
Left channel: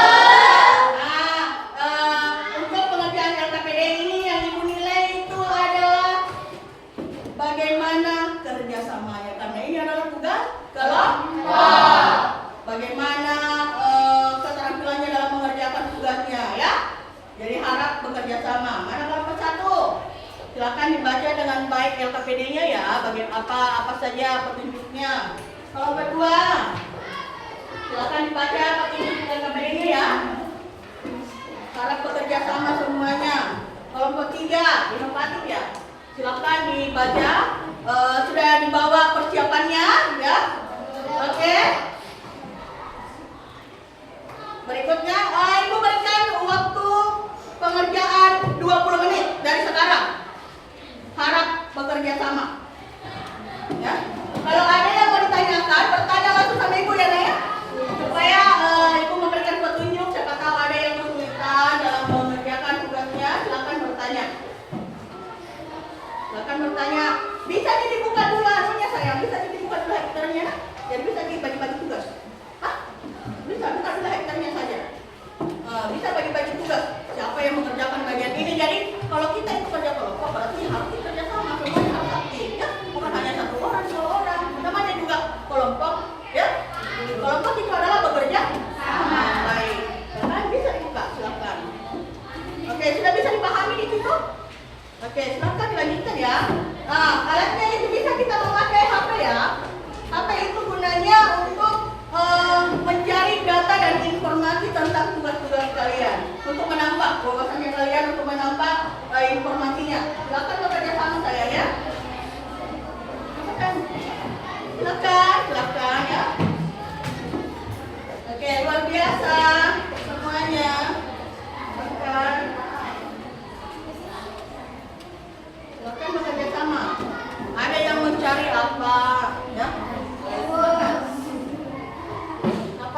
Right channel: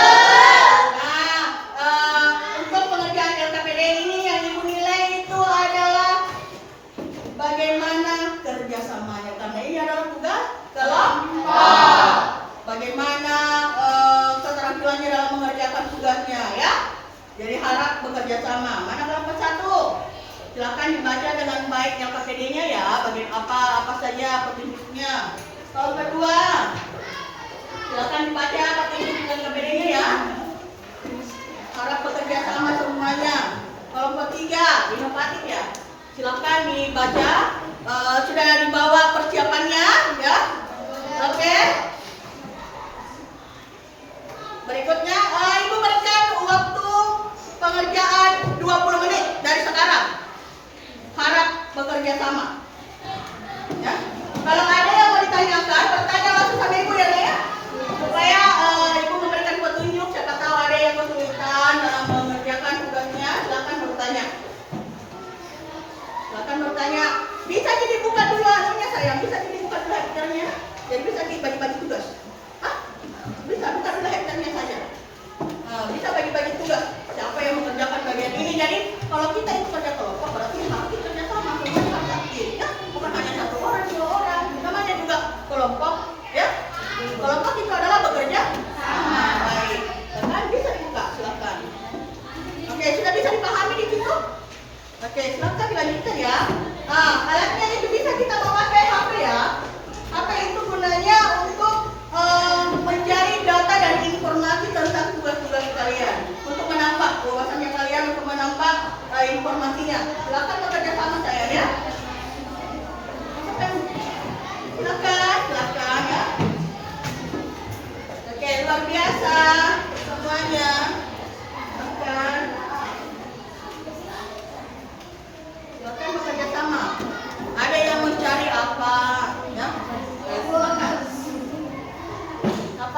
Nah, untuk pengerjaan LKPD ini yang Ibu nilai itu adalah bagaimana kerjasamanya, karena ini adalah tugas kelompok. Bagaimana keterampilannya dalam mengerjakan tugasnya, ya. Jadi harap bekerja sama. Mana kelompok 1? Silakan dibaca dengan baik LKPD-nya ya. Bagian apa saja petunjuknya. Kelompok 2, silakan dibaca petunjuk LKPD-nya ya. Harap bekerja sama semuanya. Kelompok 3, inovatif ya. Silakan dibaca. Sudah dibawa persiapannya ya. Oke. Berikutnya, Ibu berikan waktu pengerjaan 20 menit dari sekarang. Harap bekerja sama. Ya. Kalau ada yang mau ditanyakan, bertanya langsung sama Ibu ya, ya. Supaya Ibu memberikan petunjuk. Siapa tahu ada yang kesulitan dalam mengerjakan tugasnya, silakan bertanya. Silakan bertanya. Bisa dibuka dulu anunya sayang, bisa dibuka dulu hektarnya. Jadi bisa dibagi-bagi tugas. Bisa buka dulu hektarnya saja. Bisa bagi-bagi tugas. Siapa yang mengerjakan bagian ini? Jadi kalau kita itu kerja kelompok berarti harus kerja sama, semuanya harus aktif ya. Bukan hanya 1 orang, 2 orang. Namanya juga kelompok ya. Kelompok itu adalah bekerja sama. Baik. Kan bisa dibuka, silakan. Oke, sudah bisa dipahami di situ? Oke, silakan dilanjutkan ya. Nah, alatnya itu bisa kita memakai HP ya. HP itu gunanya untuk mencari data dan informasi tentang tugas-tugas kalian, untuk menambah wawasannya kalian, untuk menambah informasinya. Silakan bekerja sama saya ya. Silakan ya. Oke, luar biasa semuanya. Silakan bekerja sama. Ada yang mencari apa ya?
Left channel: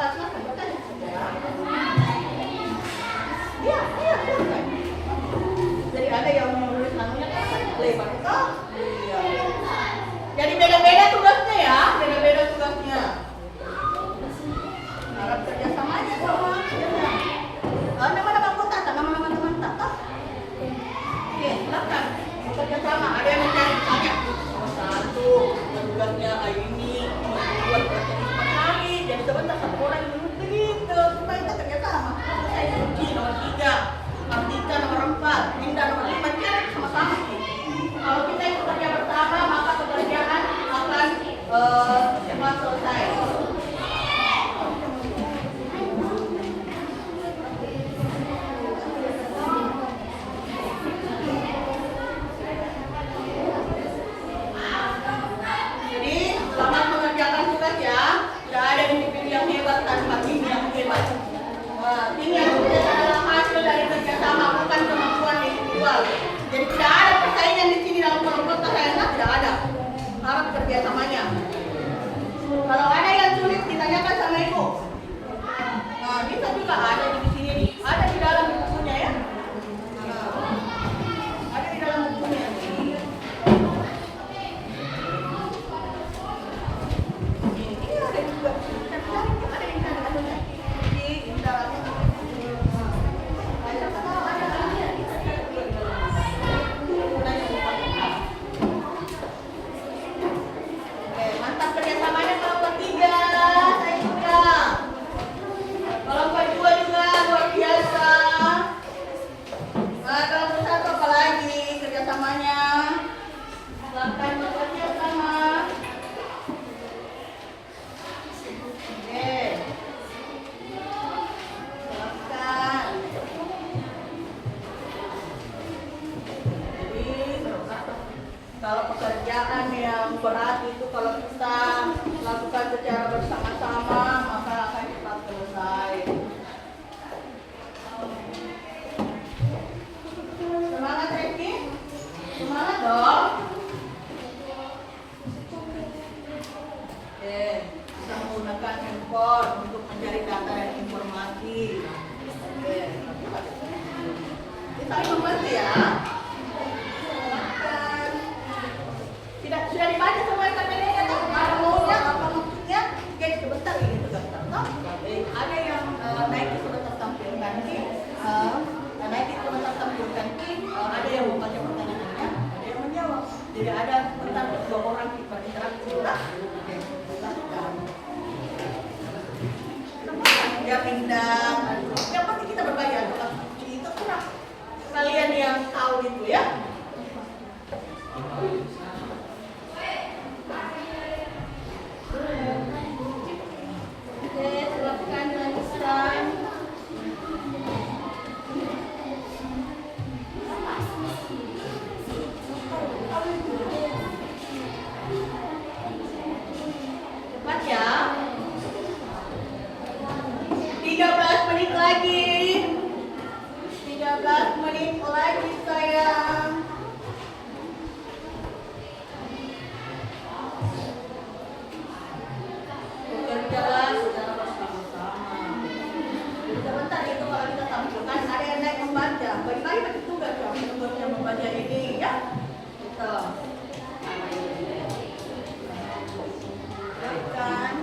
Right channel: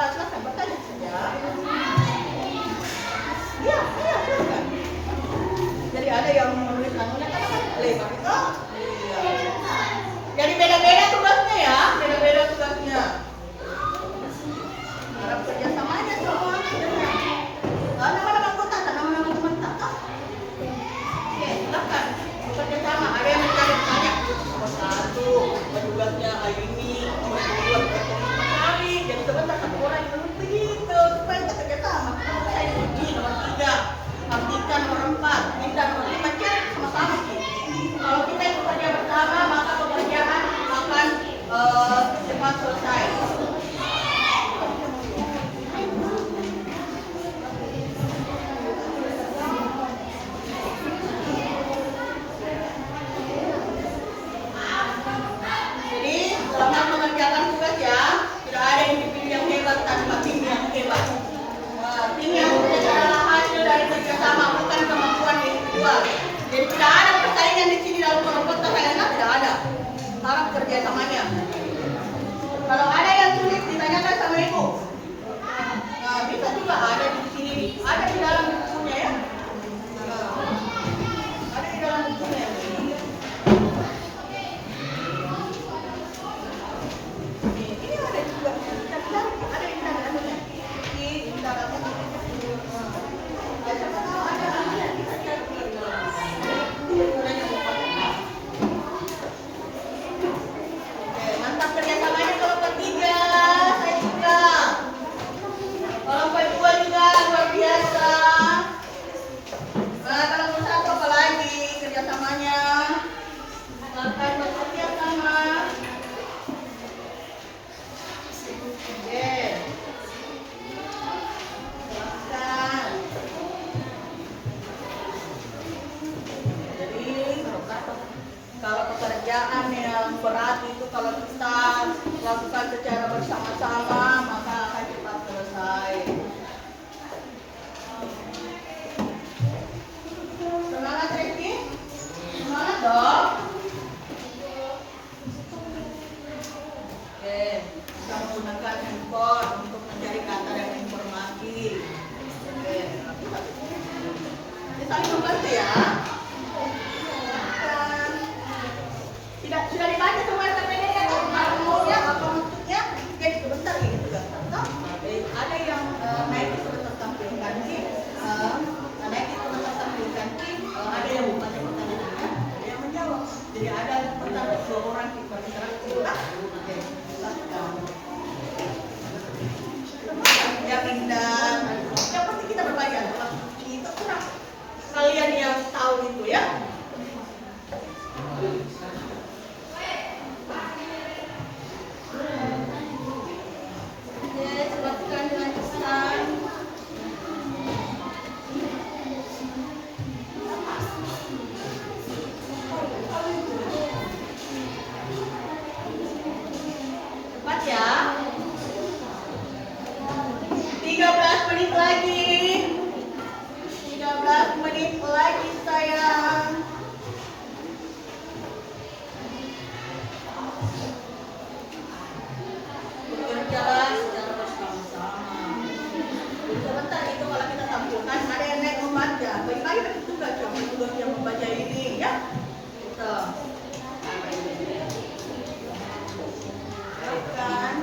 Silakan bertanya saja. Iya, silakan. Jadi ada yang menulis namanya kan lebar itu. Iya. Jadi beda-beda tugasnya ya, beda-beda tugasnya. Harap kerja sama aja semua. Nama-nama anggota, nama-nama teman tak? Oke, silakan bekerja sama. Ada yang mencari tanya. Nomor 1, tugasnya ini, nomor 2, hari. Jadi sebentar 1 orang dulu begitu supaya kita kerja sama. Saya kunci nomor 3, artikan nomor 4, minta nomor 5, cek sama-sama. Kalau kita ikut kerja bersama maka pekerjaan akan cepat selesai. Jadi selamat mengerjakan tugas ya. Sudah ada individu yang hebat tanpa tim yang hebat. Tim yang sukses adalah hasil dari kerjasama, bukan kemampuan individual. Jadi tidak ada persaingan di sini dalam kelompok KKNK, tidak ada. Harap kerjasamanya. Kalau ada yang sulit ditanyakan sama Ibu. Nah, bisa juga ada di sini, ada di dalam bukunya ya. Ada di dalam bukunya. Kalau pekerjaan yang berat itu kalau kita lakukan secara bersama-sama maka akan cepat selesai. Semangat Reki? Semangat dong. Oke, kita menggunakan handphone untuk mencari data dan informasi. Oke, kita saling membantu ya. Sudah dibaca semua LKPD ya kan? Apa maksudnya? Jadi pindang. Yang pasti kita berbayar. Kalau itu kurang. Kalian yang tahu itu ya. Oke, silakan dilanjutkan. Cepat ya. 13 menit lagi. 13 menit lagi sayang. Bekerjalah secara bersama-sama. Sebentar itu kalau kita tampilkan ada yang naik membaca. Bagi-bagi bagi tugas ya untuk yang membaca ini ya. Gitu. Silakan.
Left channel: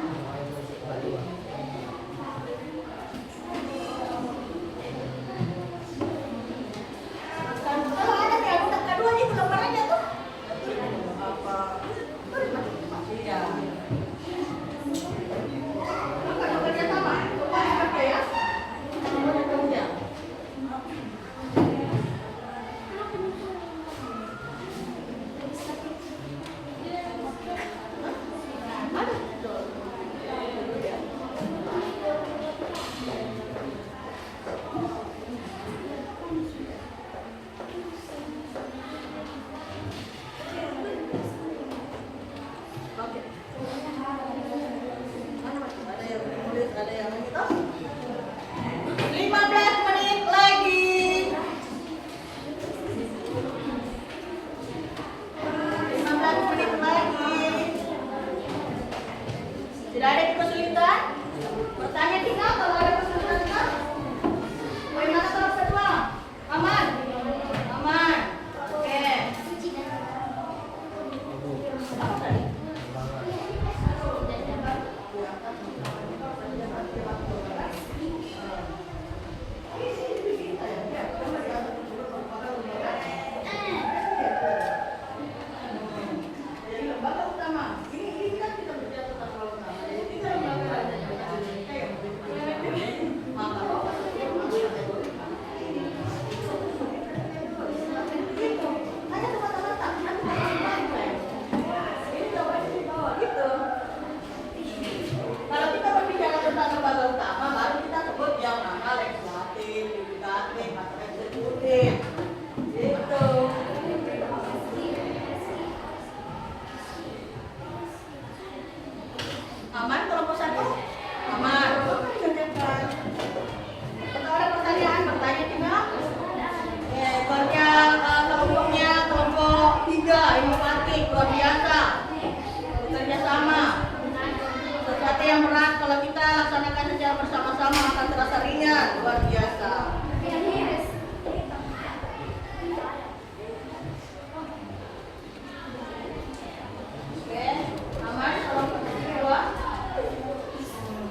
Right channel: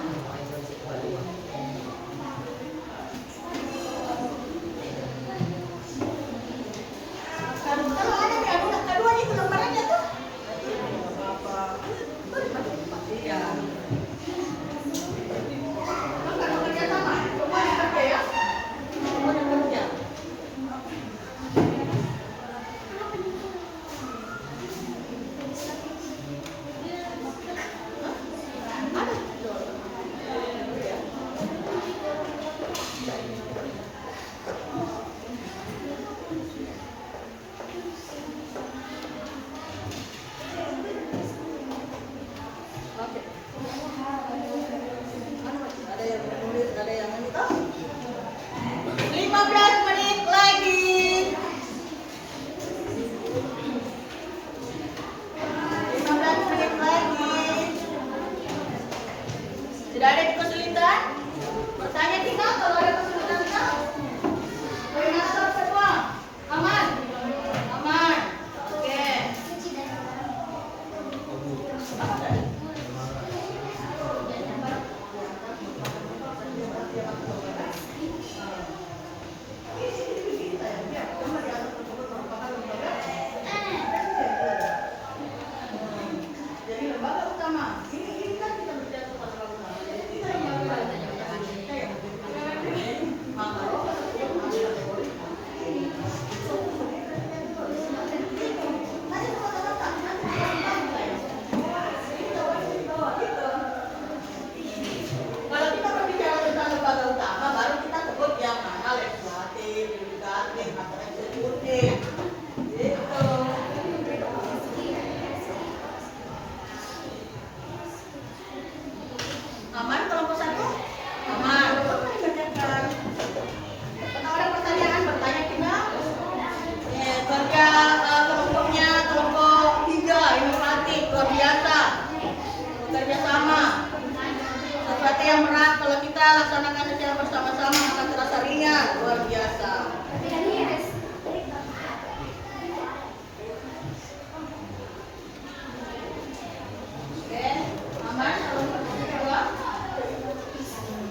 Kalau ada kayak budak keduanya itu lembarannya tuh. Tidak. Kalau kerja sama, coba kerja ya. Coba kerja. Ada. Oke. Ada yang menulis, ada yang ini toh. 15 menit lagi. 15 menit lagi. Sudah ada kesulitan? Bertanya tinggal kalau ada kesulitan kan? Koordinator semua. Aman? Aman. Oke. Apa tadi? Jadi lembaga utama. Ini kan kita berbicara tentang lembaga utama. Jadi kita lembaga maka ada tempat-tempat kalau kita berbicara tentang lembaga utama, baru kita sebut yang mana legislatif, yudikatif, atau eksekutif. Gitu. Aman kelompok satu? Aman. Kalau ada pertanyaan, bertanya tinggal. Kerja kelompoknya kelompok 3, inovatif, luar biasa. Bekerja sama. Sesuatu yang berat kalau kita laksanakan secara bersama-sama akan terasa ringan, luar biasa. Oke, aman kalau kedua.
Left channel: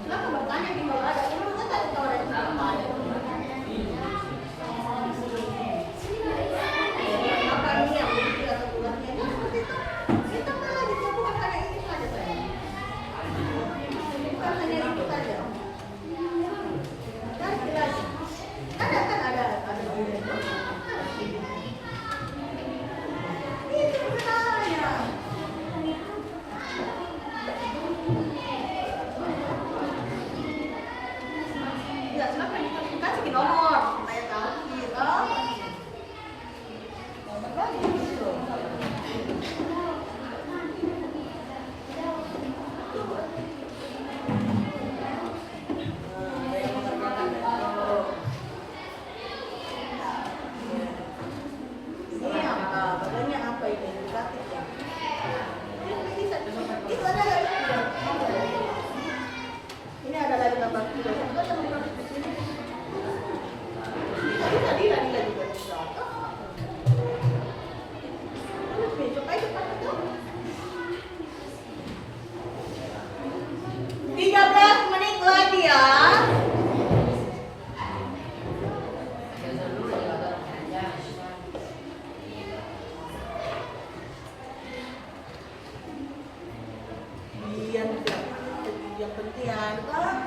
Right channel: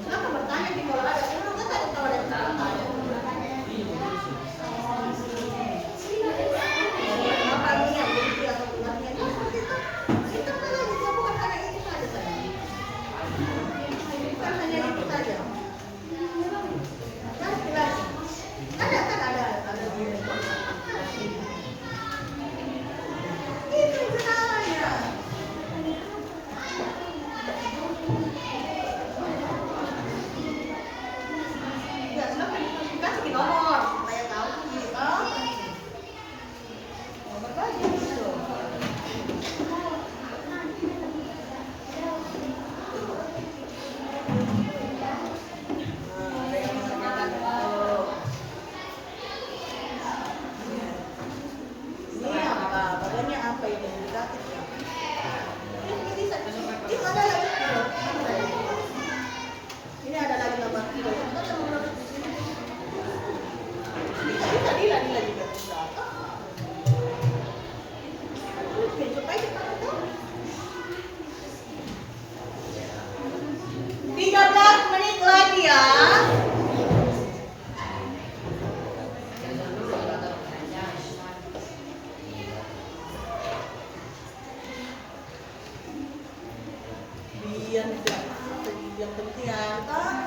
Silakan bertanya di bawah ada. Kalau ada yang bertanya. Kenapa ini yang begini atau tugasnya? Ya seperti itu. Kita lagi, bukan hanya ini saja saya. Bukan hanya itu saja. Cari lagi. Ada kan ada di itu sebenarnya. Ya, silakan dikasih nomor. Saya tahu gitu. Nomor lagi gitu. Ini apa? Bagiannya apa ini? Yudikatif ya? Itu ada lagi. Ini ada lagi gambar kilo. Ada yang menurut di sini. Bisa juga bisa. Supaya cepat itu. 13 menit lagi ya. Yang penting apa?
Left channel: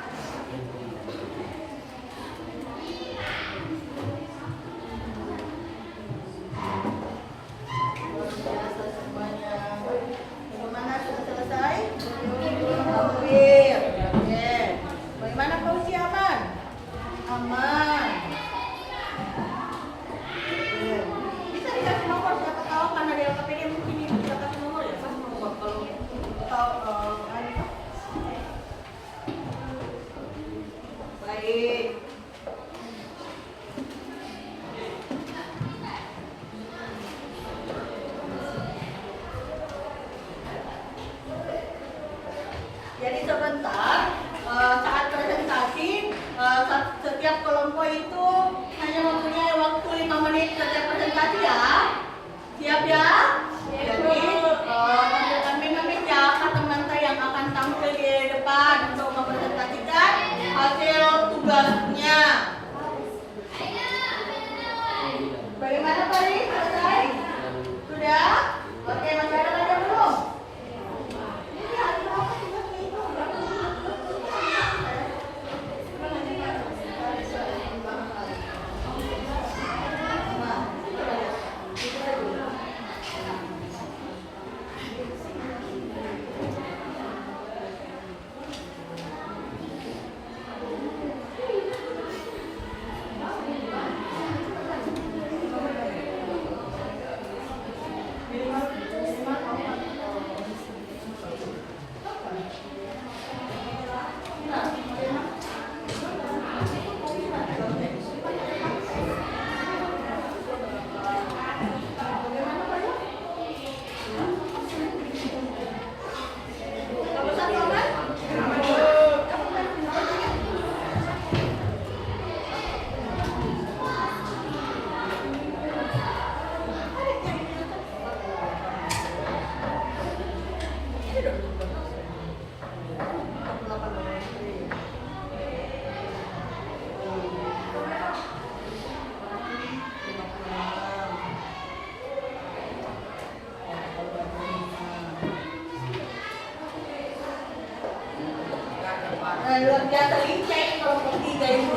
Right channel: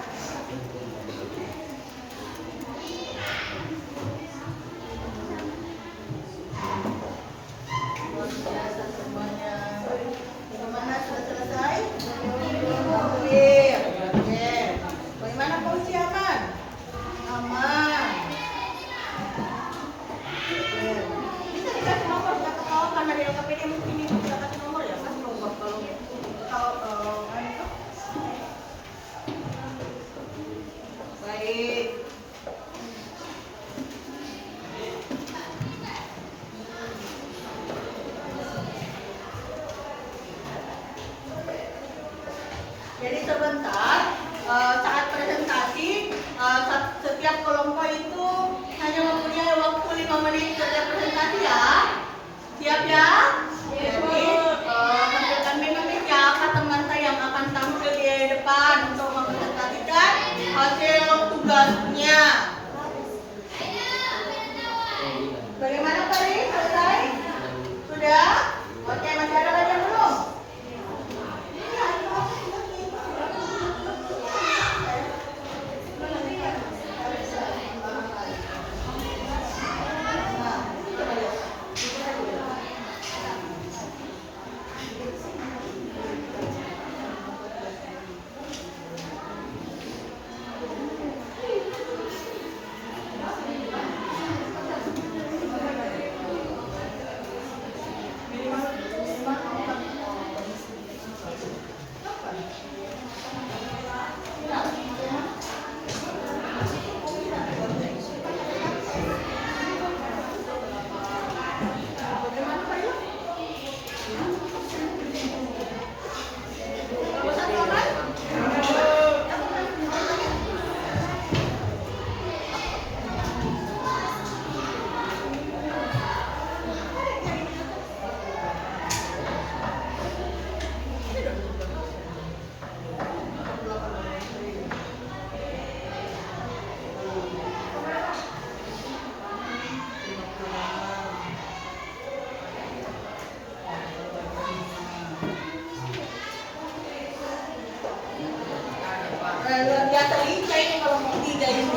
selingcek kelompok 3 itu.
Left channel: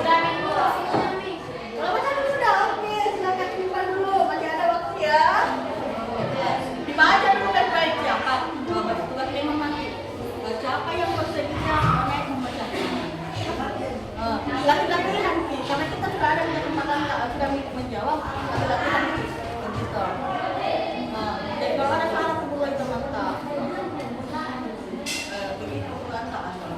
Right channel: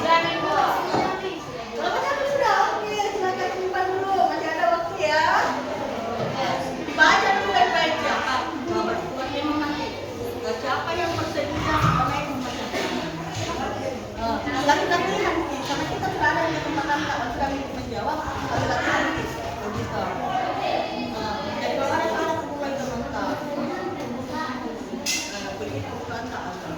Kelompok 1 sudah, oke, silakan simpan dulu, masih ada waktu ya. Dibaca dulu baik-baik siapa. Tugas memang nanti. Siapa yang bersedia naik membaca. Latihan karena kita sudah ada di kesempatan sudah menjawab latihan begitu. Jadi kalau ada salah boleh teman-teman. Begitu kan tak ada.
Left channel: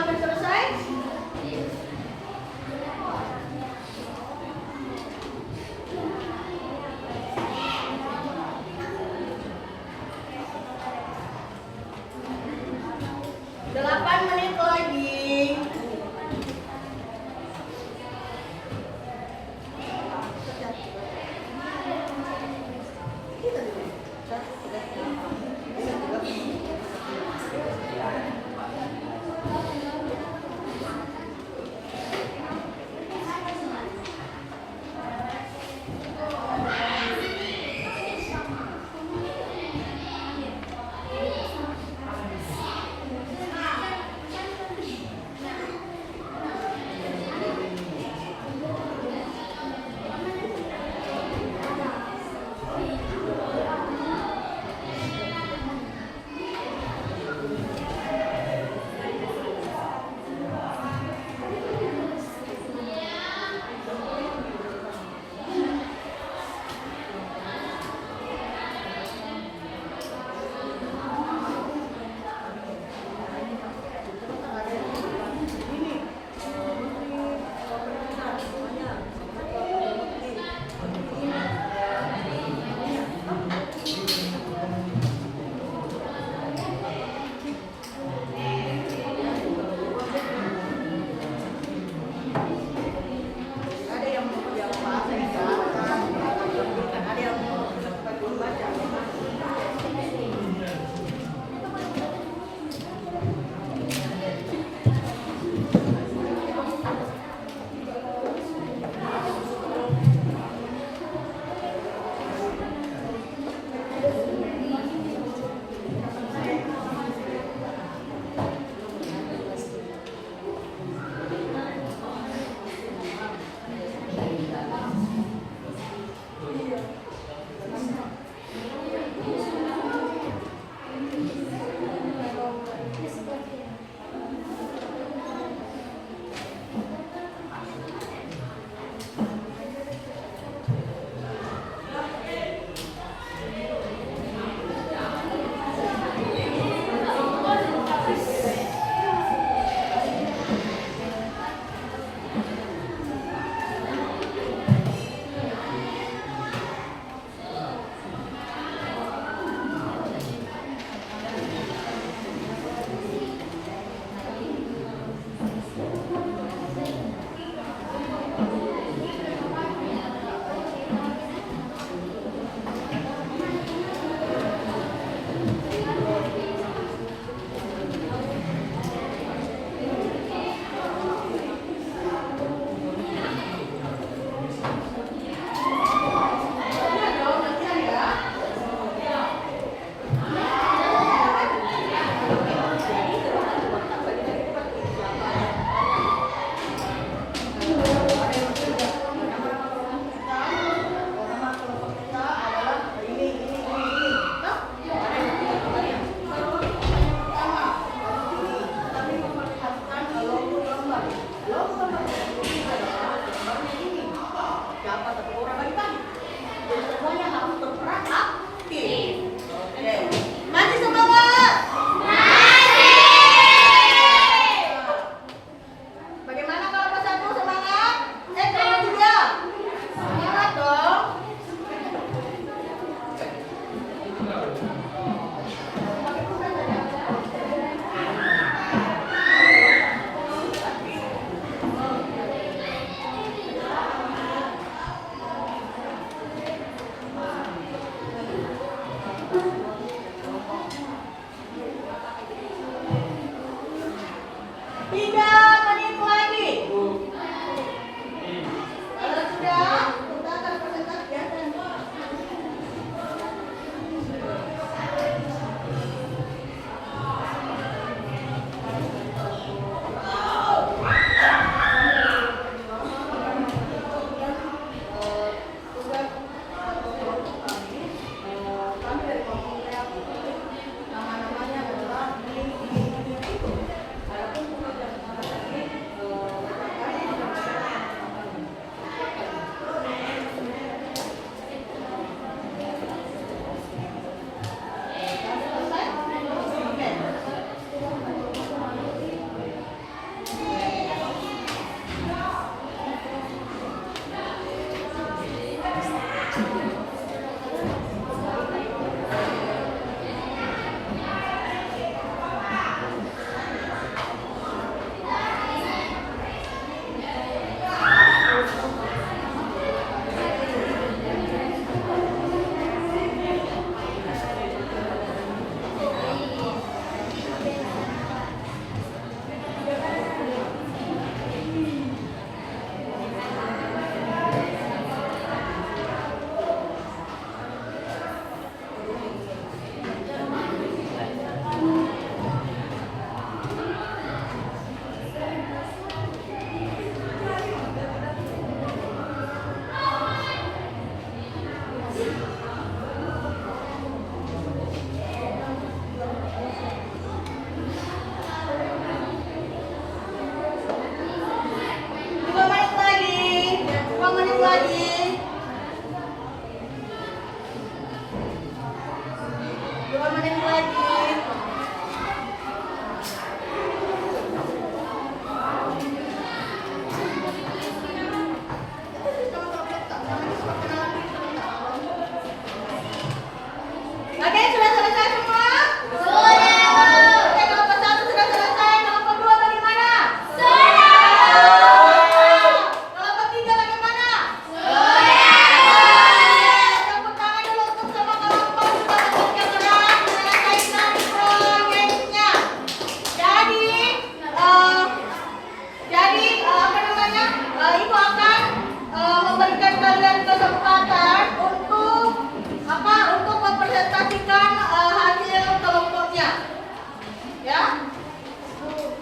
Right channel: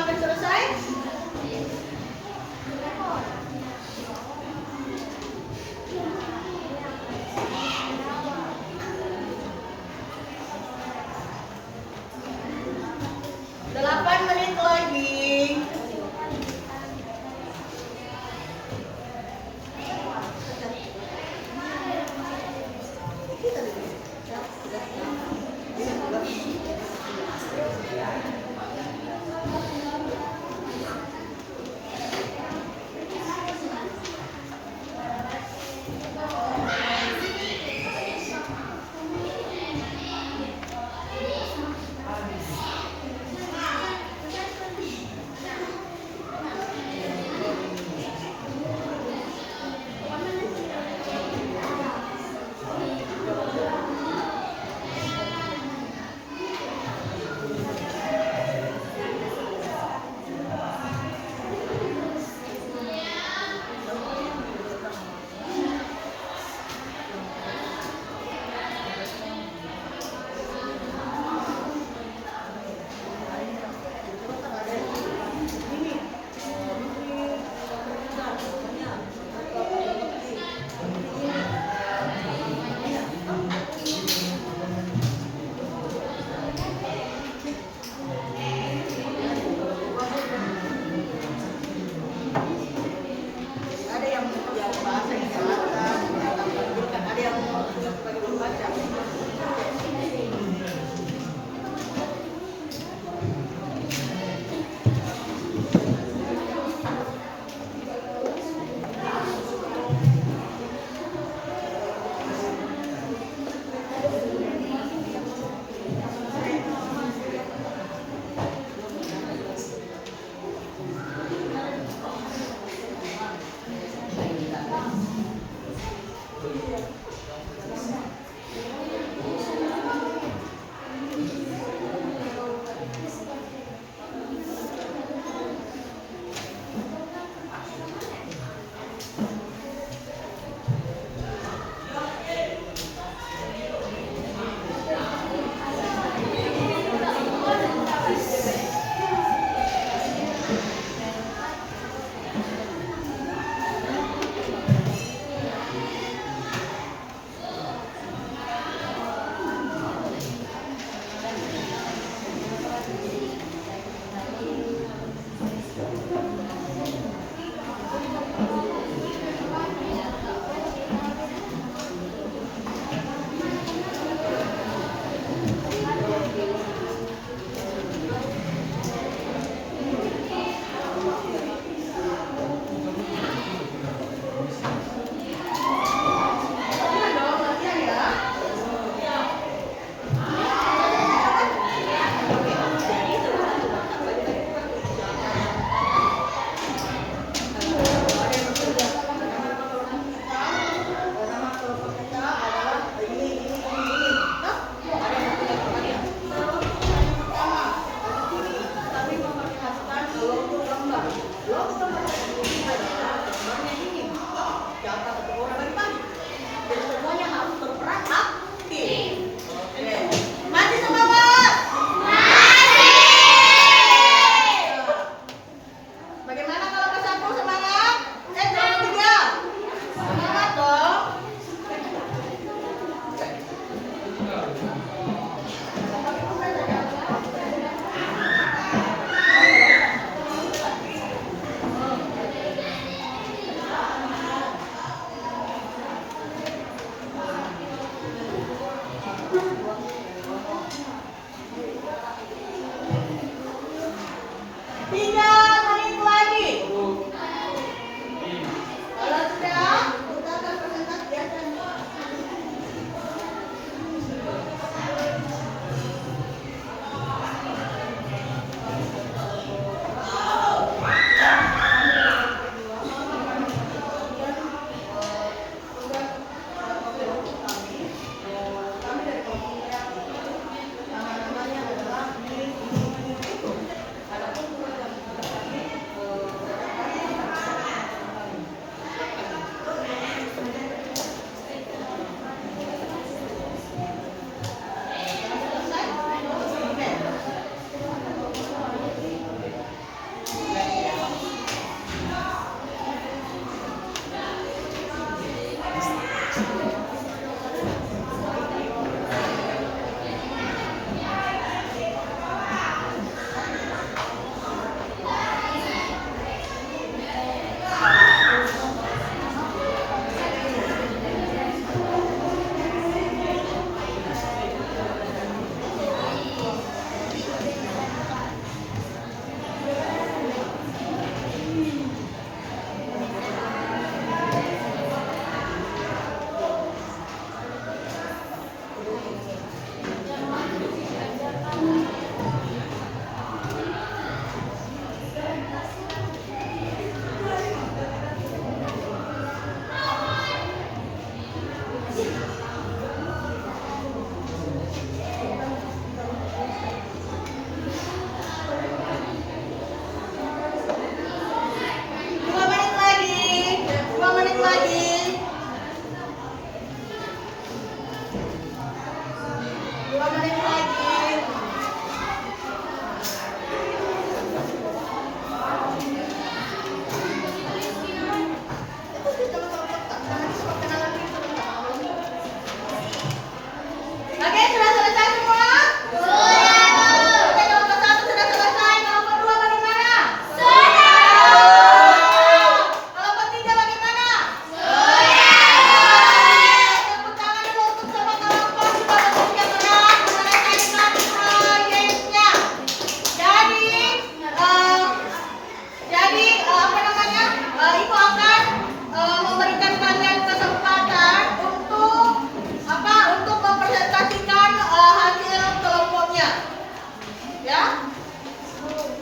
sampai selesai? Delapan menit lagi.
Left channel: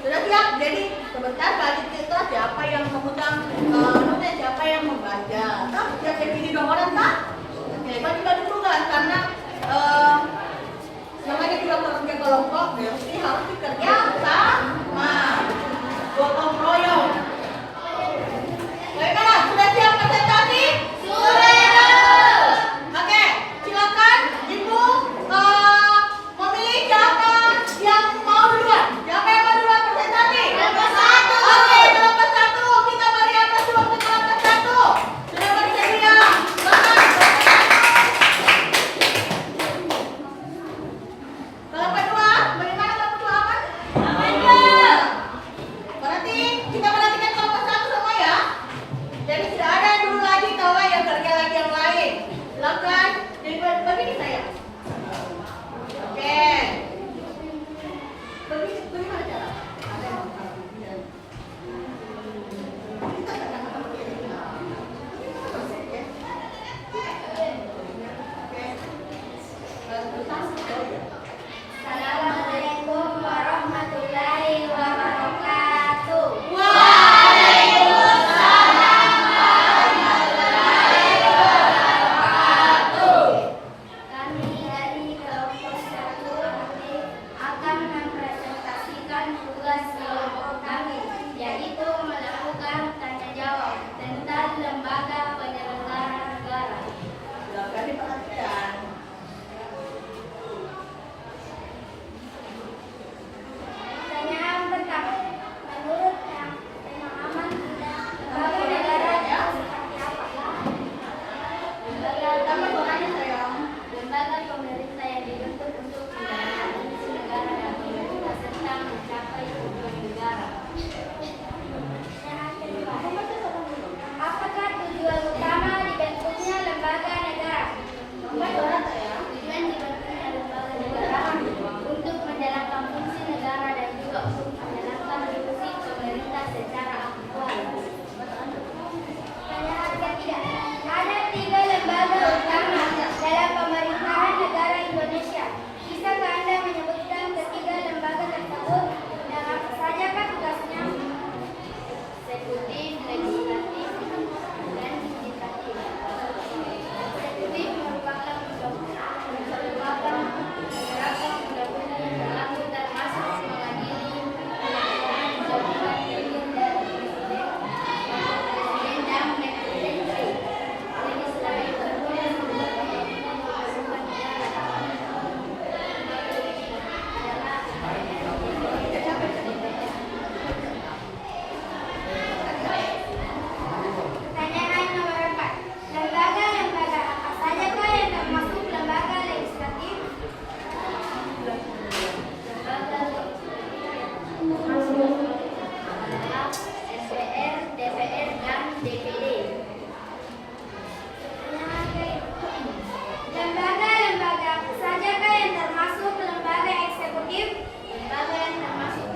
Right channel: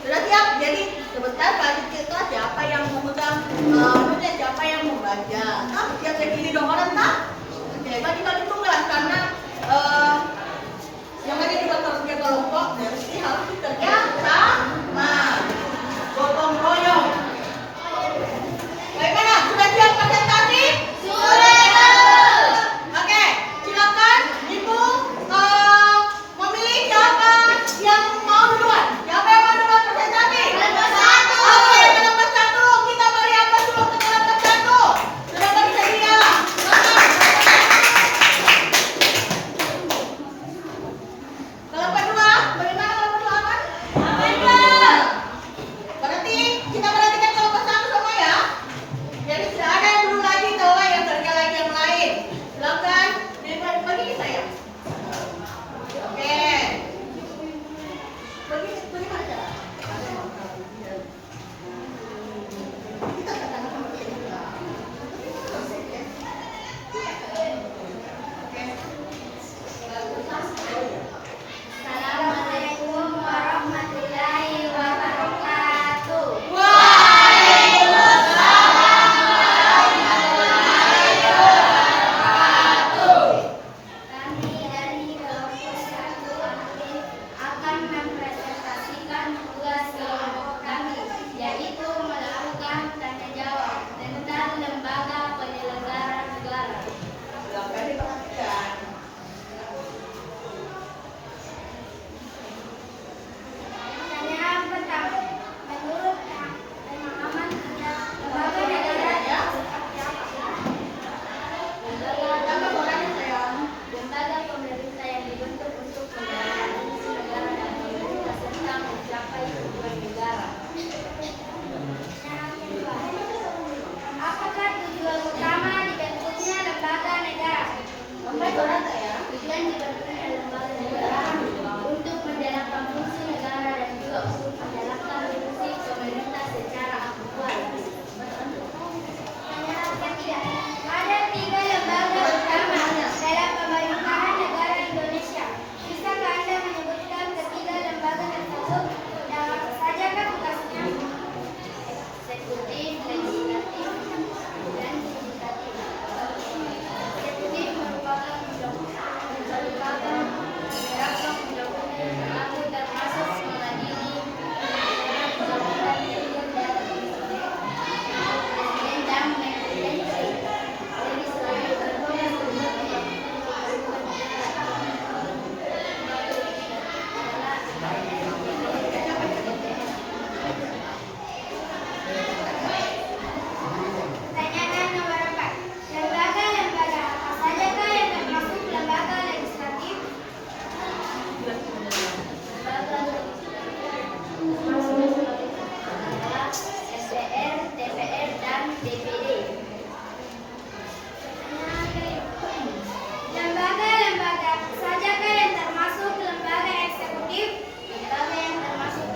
Sudah siap? Jadi sebentar tadi kita siapa yang memegang siapa yang membaca? Nah, siap saya pilih dong orang tak? Oke, bagi-bagi tugas karena yang ada juga kerja kelompok, mesti harus bekerja sama, gotong royong. Bagaimana? Sudah siap presentasi? Sudah. Oke, silakan Ibu memilih siapa yang mau duluan. Siapa yang mau duluan presentasi? Kelompok 1. Oke, kelompok 1. Kita beri atas dulu untuk kelompok 1. Sudah bersedia? Kelompok 2, bagaimana kelompok 2 aman? Aman. Berarti kita perhatikan kelompok 1 semua ya. Jadi tidak ada yang dulu lagi kalau yang kerja lagi yang lain. Silakan begini saya. Oke. Bagaimana cara? Kita katakan begini. Assalamualaikum warahmatullahi wabarakatuh. Kami dari kelompok 1 akan mempresentasikan tugas kelompok kami, yaitu melakukan tanya jawab tentang lembaga penyelenggara negara. Silakan diperhatikan. Pertanyaan pertama, menurut pemahaman Anda, lembaga negara itu seperti apa? Tambah suaranya sayang. Lembaga pemerintah yang dibentuk untuk menjalankan fungsi negara dan pemerintah serta mencapai tujuan negara. Pertanyaan kedua, apakah tujuan utama dibentuknya lembaga negara? Tambah suara sayang. Tujuan dibentuknya lembaga negara untuk menjalankan fungsi negara dan juga untuk menjalankan fungsi pemerintah secara aktual. Pertanyaan ketiga, ada 3 lembaga utama dalam pemerintahan negara Indonesia. Bisakah Anda menyebutkan ketiga lembaga tersebut dan apa saja kan tugasnya? Eksekutif, legislatif, dan yudikatif. Eksekutif merupakan beberapa undang-undang yang berlaku termasuk mengadili undang-undang presiden dan menteri. Legislatif berperan untuk melakukan Pertanyaan nomor 4. Lembaga-lembaga apa sajakah yang termasuk lembaga legislatif? Lembaga legislatif adalah MPR, DPR, dan DPD. Pertanyaan kelima. Lembaga-lembaga apa sajakah yang termasuk lembaga eksekutif? Lembaga yang termasuk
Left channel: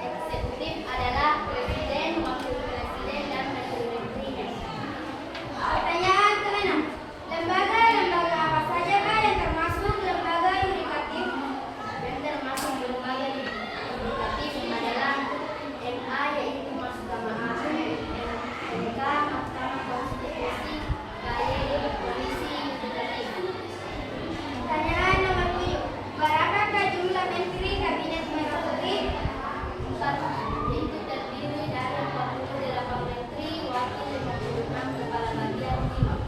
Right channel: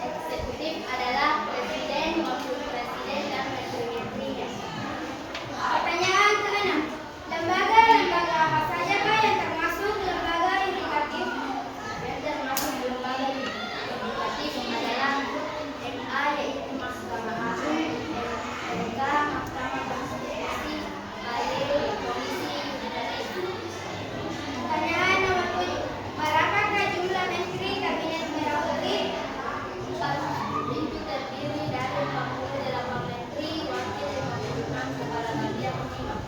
eksekutif adalah presiden, wakil presiden, dan menteri-menterinya. Pertanyaan ke-6. Lembaga-lembaga apa sajakah yang termasuk lembaga yudikatif? Yang termasuk lembaga yudikatif adalah MA, yaitu Mahkamah Agung, MK, Mahkamah Konstitusi, KYD, Komisi Yudikatif. Pertanyaan nomor 7. Berapakah jumlah menteri Kabinet Merah Putih? 4, yaitu terdiri dari 48 menteri, wakil 56, kepala bagian 5.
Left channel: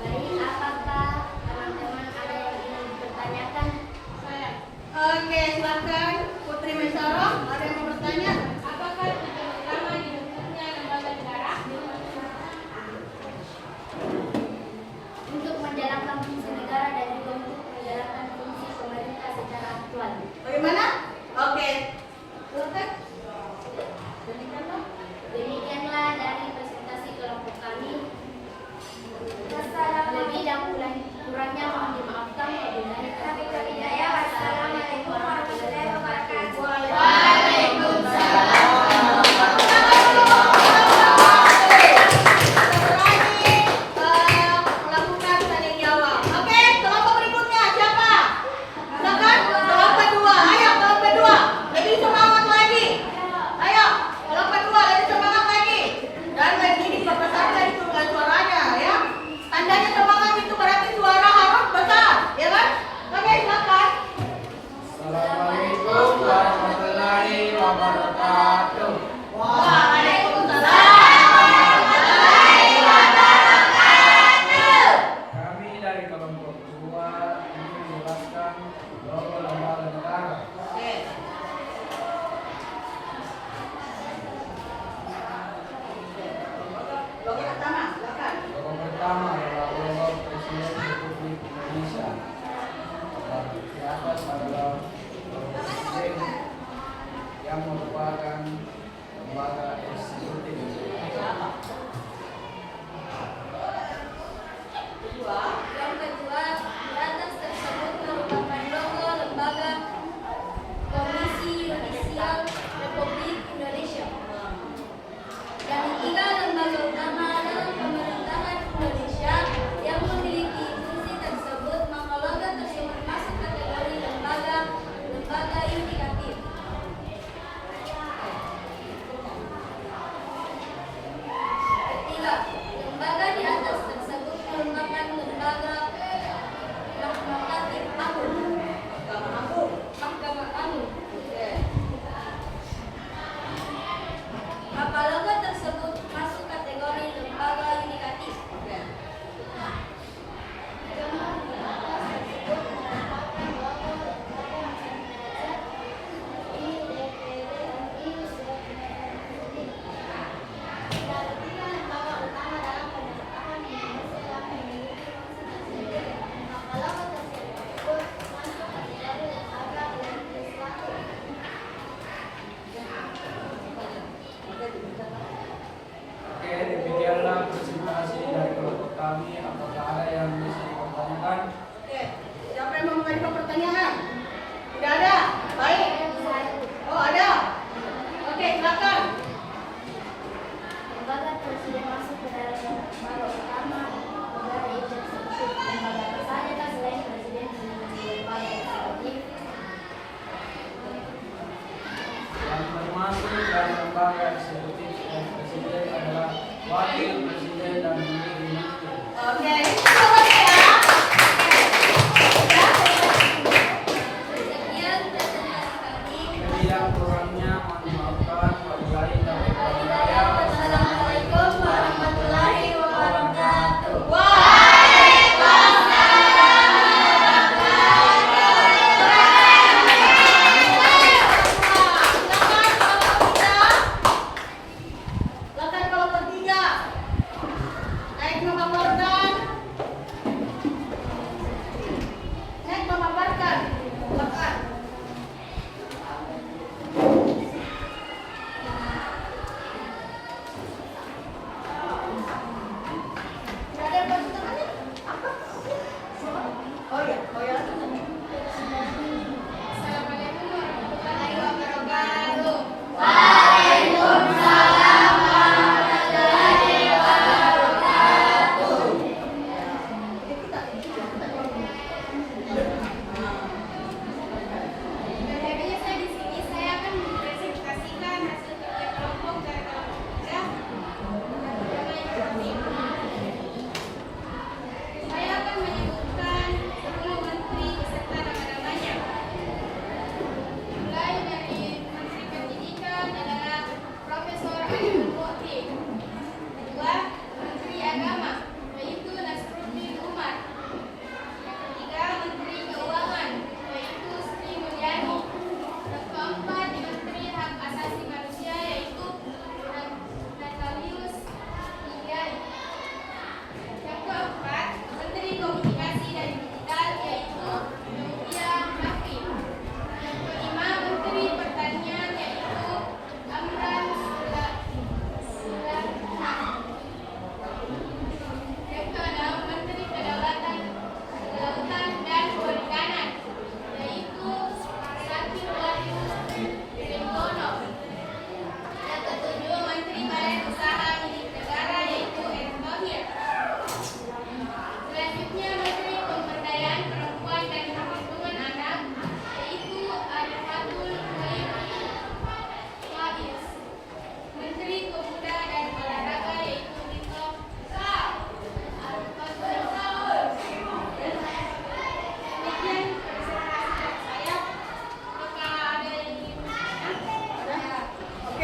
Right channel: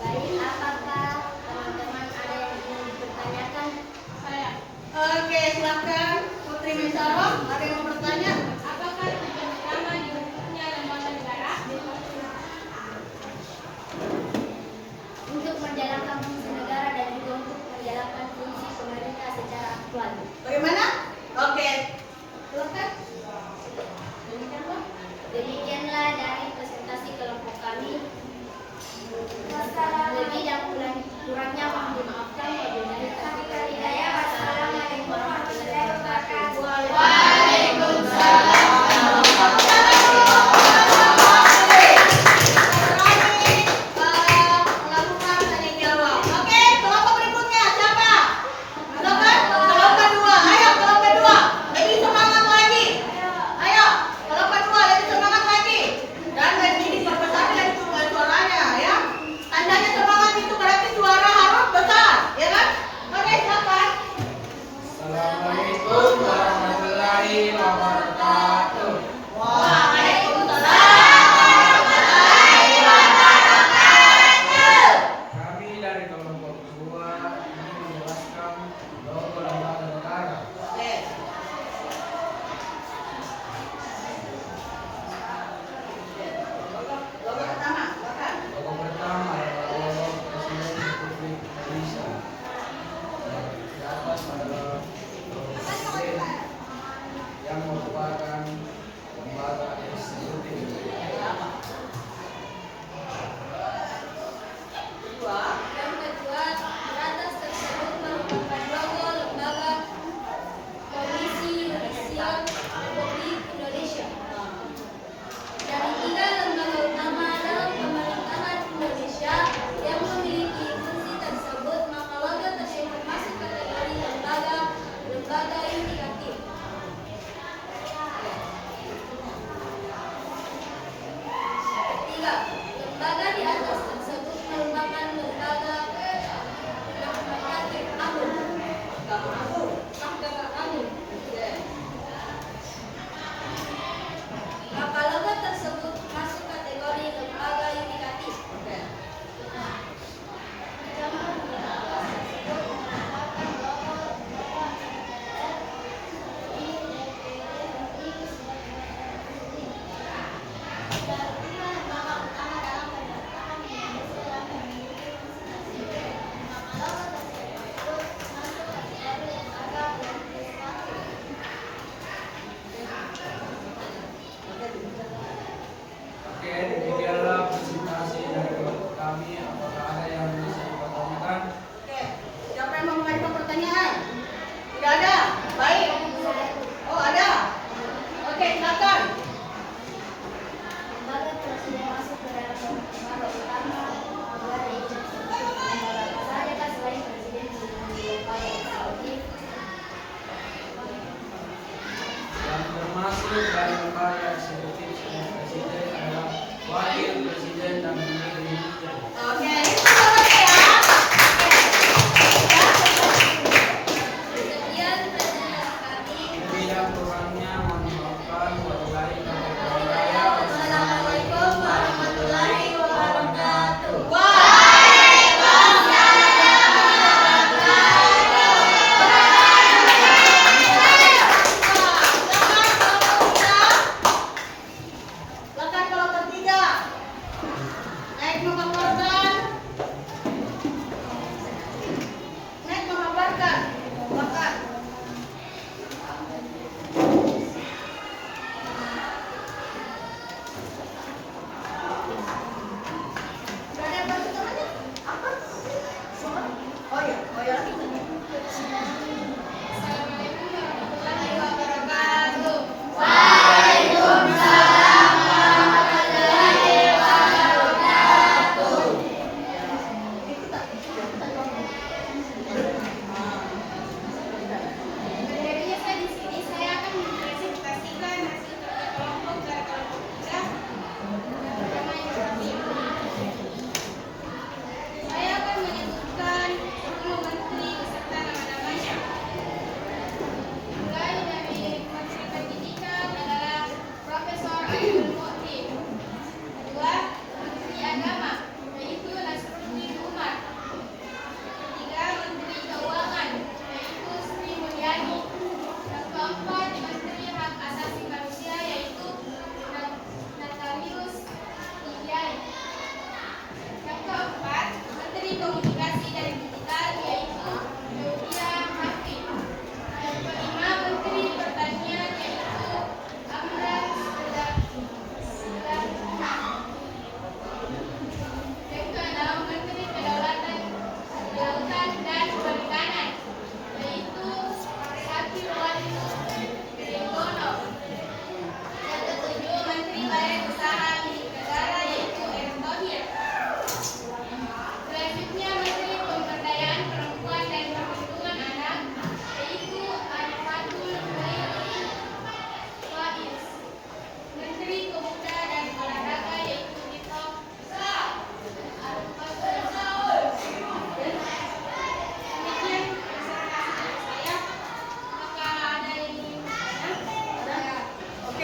Baik, apakah teman-teman ada yang ingin dipertanyakan? Saya. Oke, silakan Putri Maisaro. Ada yang mau bertanya? Apakah tujuan utama dibentuknya lembaga negara? Untuk menjalankan fungsi negara dan juga untuk menjalankan fungsi pemerintah secara aktual. Bagaimana? Oke. Silakan. Demikianlah dari presentasi kelompok kami. Lebih dan kurangnya mohon dimaafkan. Wabillahi taufiq wal hidayah. Wassalamualaikum warahmatullahi wabarakatuh. Melakukan tanya jawab. Oke, kelompok berikutnya siapa? Silakan. Kelompok 2. Ayo kelompok 2.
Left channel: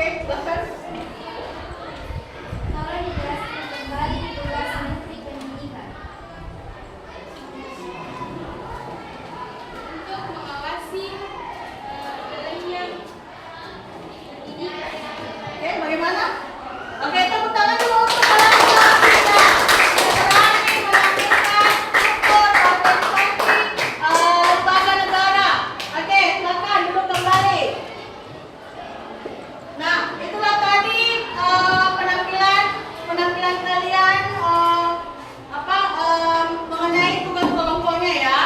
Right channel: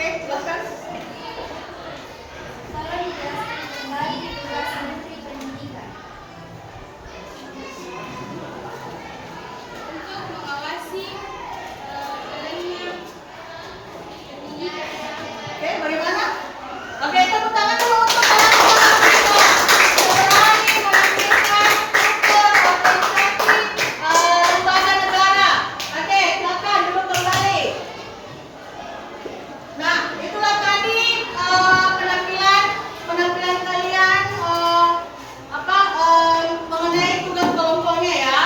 silakan. Tolong dijelaskan kembali tugas Menteri Pendidikan. Untuk mengawasi adanya Oke, bagaimana? Oke, tepuk tangan dulu untuk kalian semua. Berani melakukan ukur organisasi lembaga negara. Oke, silakan duduk kembali. Nah, itulah tadi penampilan kalian mengenai tugas kelompoknya ya.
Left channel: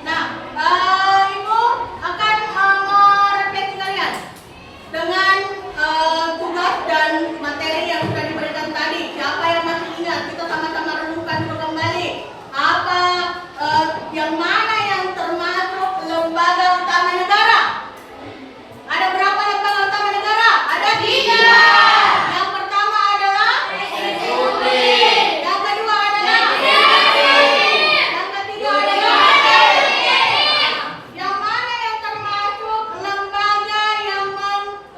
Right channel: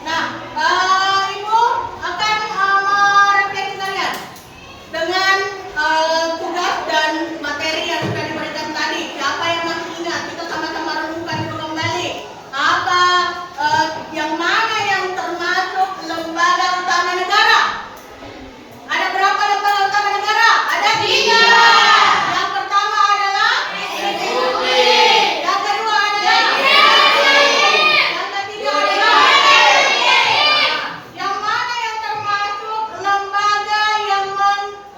Nah, Ibu akan merefleksi kalian dengan tugas dan materi yang sudah diberikan tadi. Siapa yang masih ingat? Kita sama-sama renungkan dulu kembali. Apa yang mana yang termasuk lembaga utama negara? Ada berapa lembaga utama negara? Ada 3. Yang pertama adalah eksekutif. Yang kedua adalah legislatif. Yang ketiga adalah yang mana yang termasuk lembaga yang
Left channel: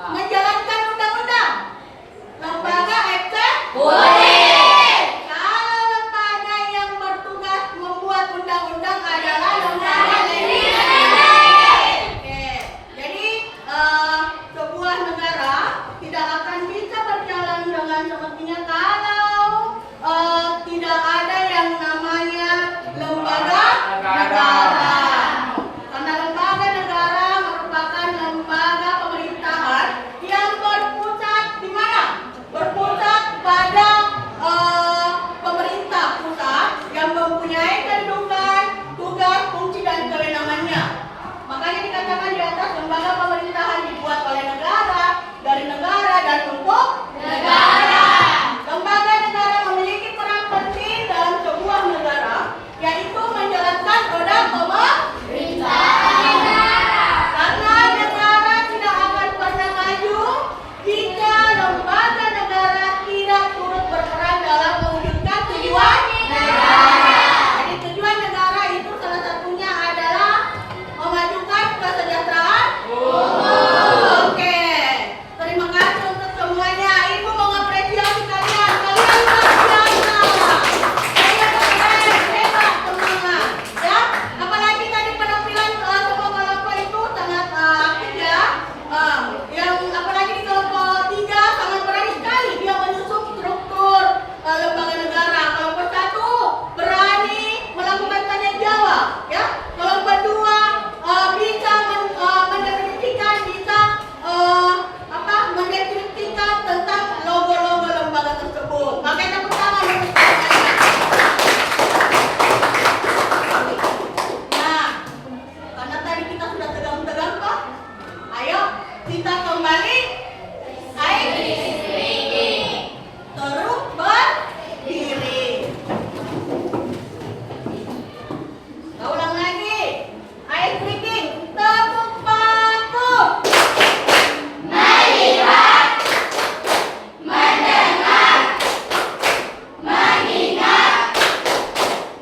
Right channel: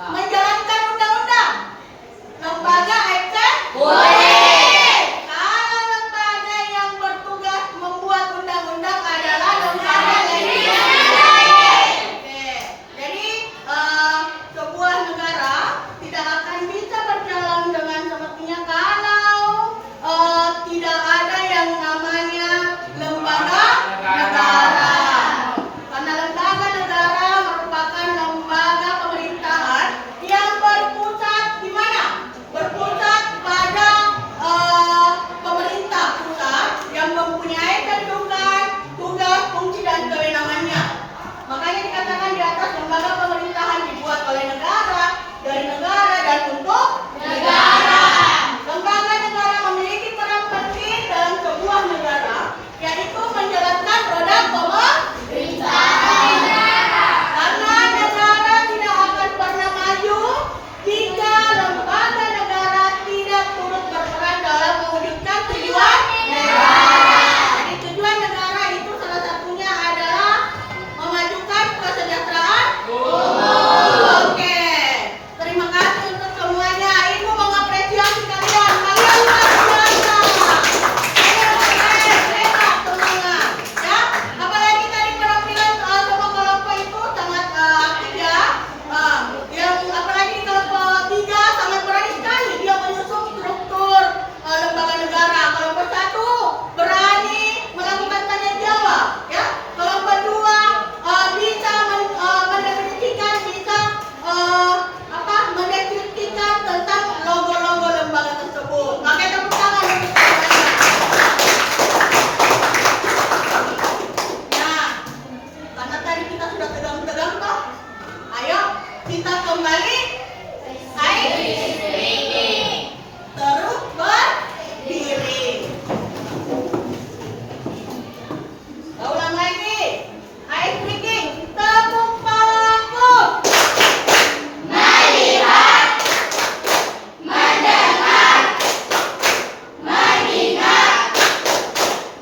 menjalankan undang-undang? Lembaga eksekutif. Kalau lembaga yang bertugas membuat undang-undang adalah lembaga legislatif. Oke. Jadi sebuah negara tidak akan bisa berjalan dengan semestinya kalau tidak ada yang namanya lembaga negara. Karena lembaga negara merupakan lembaga pemerintahan yang berpusat di mana? Berpusat pada pemerintah pusat yang mempunyai kedudukan, tugas, fungsi dan kewenangannya. Makanya dikatakan di atas lembaga pemerintahan dibuat oleh negara, dari negara dan untuk negara. Lembaga negara memiliki peran penting dalam sebuah negara, yaitu menjalankan roda pemerintahan. Karena negara tidak akan pernah maju jika lembaga negara tidak turut berperan dalam mewujudkan tujuan negara. Jadi tujuan negara itu salah satunya adalah memajukan kesejahteraan umum. Oke, terima kasih untuk semuanya. Ibu mengapresiasi kalian. Kalian luar biasa. Kalian hebat, semangat. Ya, apalagi tadi penampilan semua kelompok itu sangat aktif ya. Yang apalagi di kelompok 3 sangat berani sekali dia menyusun struktur lembaga negara. Kelompok 1 berani melakukan tanya jawab, ya. Kelompok 2 bisa mendefinisikan, bisa mendeskripsikan tentang logo-logo lembaga tersebut. Makanya tepuk tangan untuk kalian. Nah, karena tadi kita sudah tegang-tegang toh, ayo kita kembali terus berdiri. Kita ulang lagi. Ice breaking. Tepuk paku. Melihat, mendengar, mengingat,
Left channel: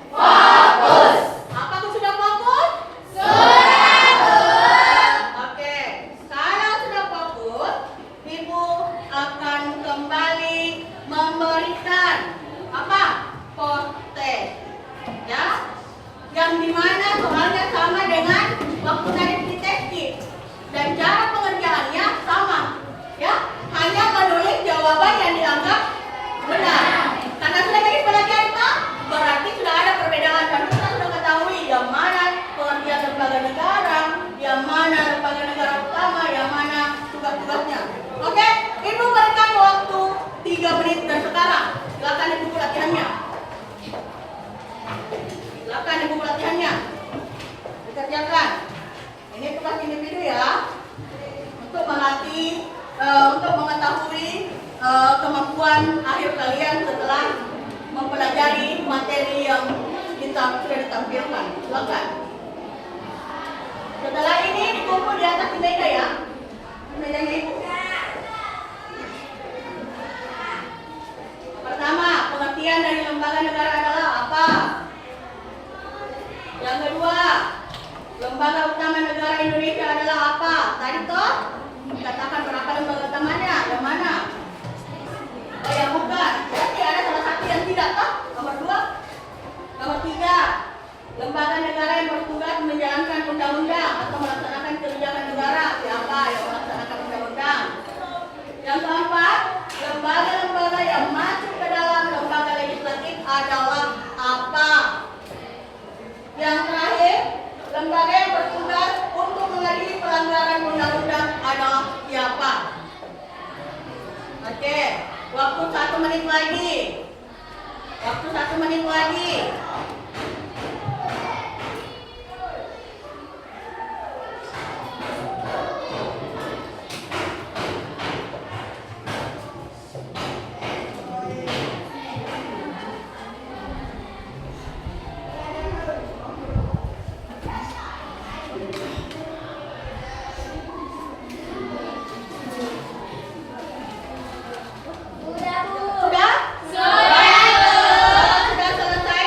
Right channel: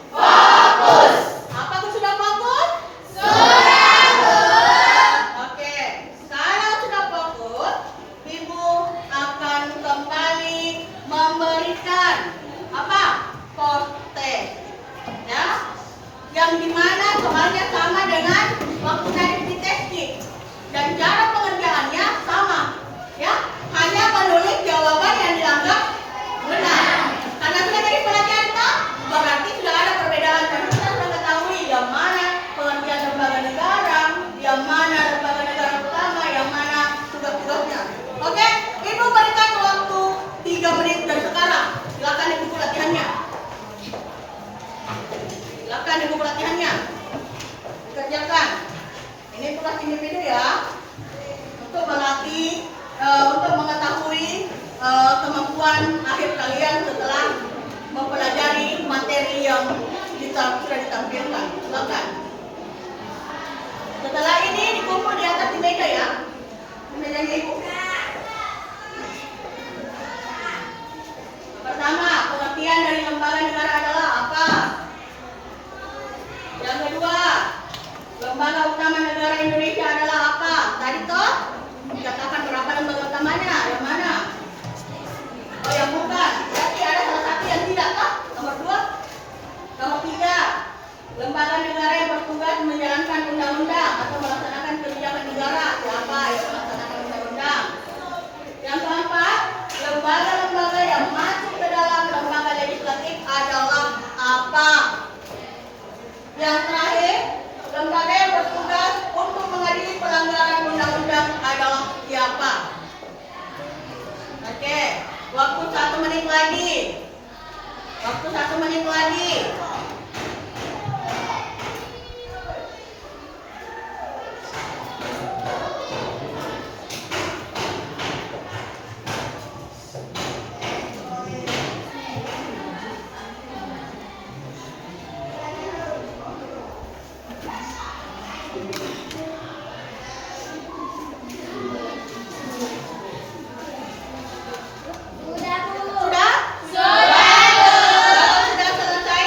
fokus. Apakah sudah fokus? Sudah. Oke, kalau sudah fokus, Ibu akan kembali memberikan apa? Potes. Ya, yang dimana soalnya sama dengan waktu tadi di testing dan cara pengerjaannya sama, ya, hanya menulis jawaban yang dianggap benar. Karena sudah jadi pelajaran kita, berarti sudah ada perbedaan dan kita sudah ketahui yang mana pengertian lembaga negara, yang mana lembaga negara utama, yang mana tugas-tugasnya. Oke, Ibu berikan waktu 3 menit dari sekarang. Silakan Ibu latihannya. Silakan Ibu latihannya. Dikerjakan. Ini tugas individu ya. Untuk melatih, untuk mengetahui kemampuan akhir kalian setelah mempelajari materi yang sudah ditampilkan. Silakan. Setelah ini dikumpul di atas meja ya. Mejanya Ibu. Pertama, pengertian dari lembaga negara adalah apa? Yang kedua, lembaga utama lembaga negara yang bertugas menjalankan undang-undang atau melaksanakan kebijakan negara. Siapa yang melaksanakan undang-undang? Yang keempat, lembaga-lembaga yang masuk ke dalam lembaga legislatif adalah apa? Yang terakhir, lembaga yang bertugas untuk mengadili pelanggaran undang-undang adalah siapa? Oke, waktu 1 menit lagi. Waktu 1 menit lagi. Sudah, Bu. Sudah? Sudah selesai.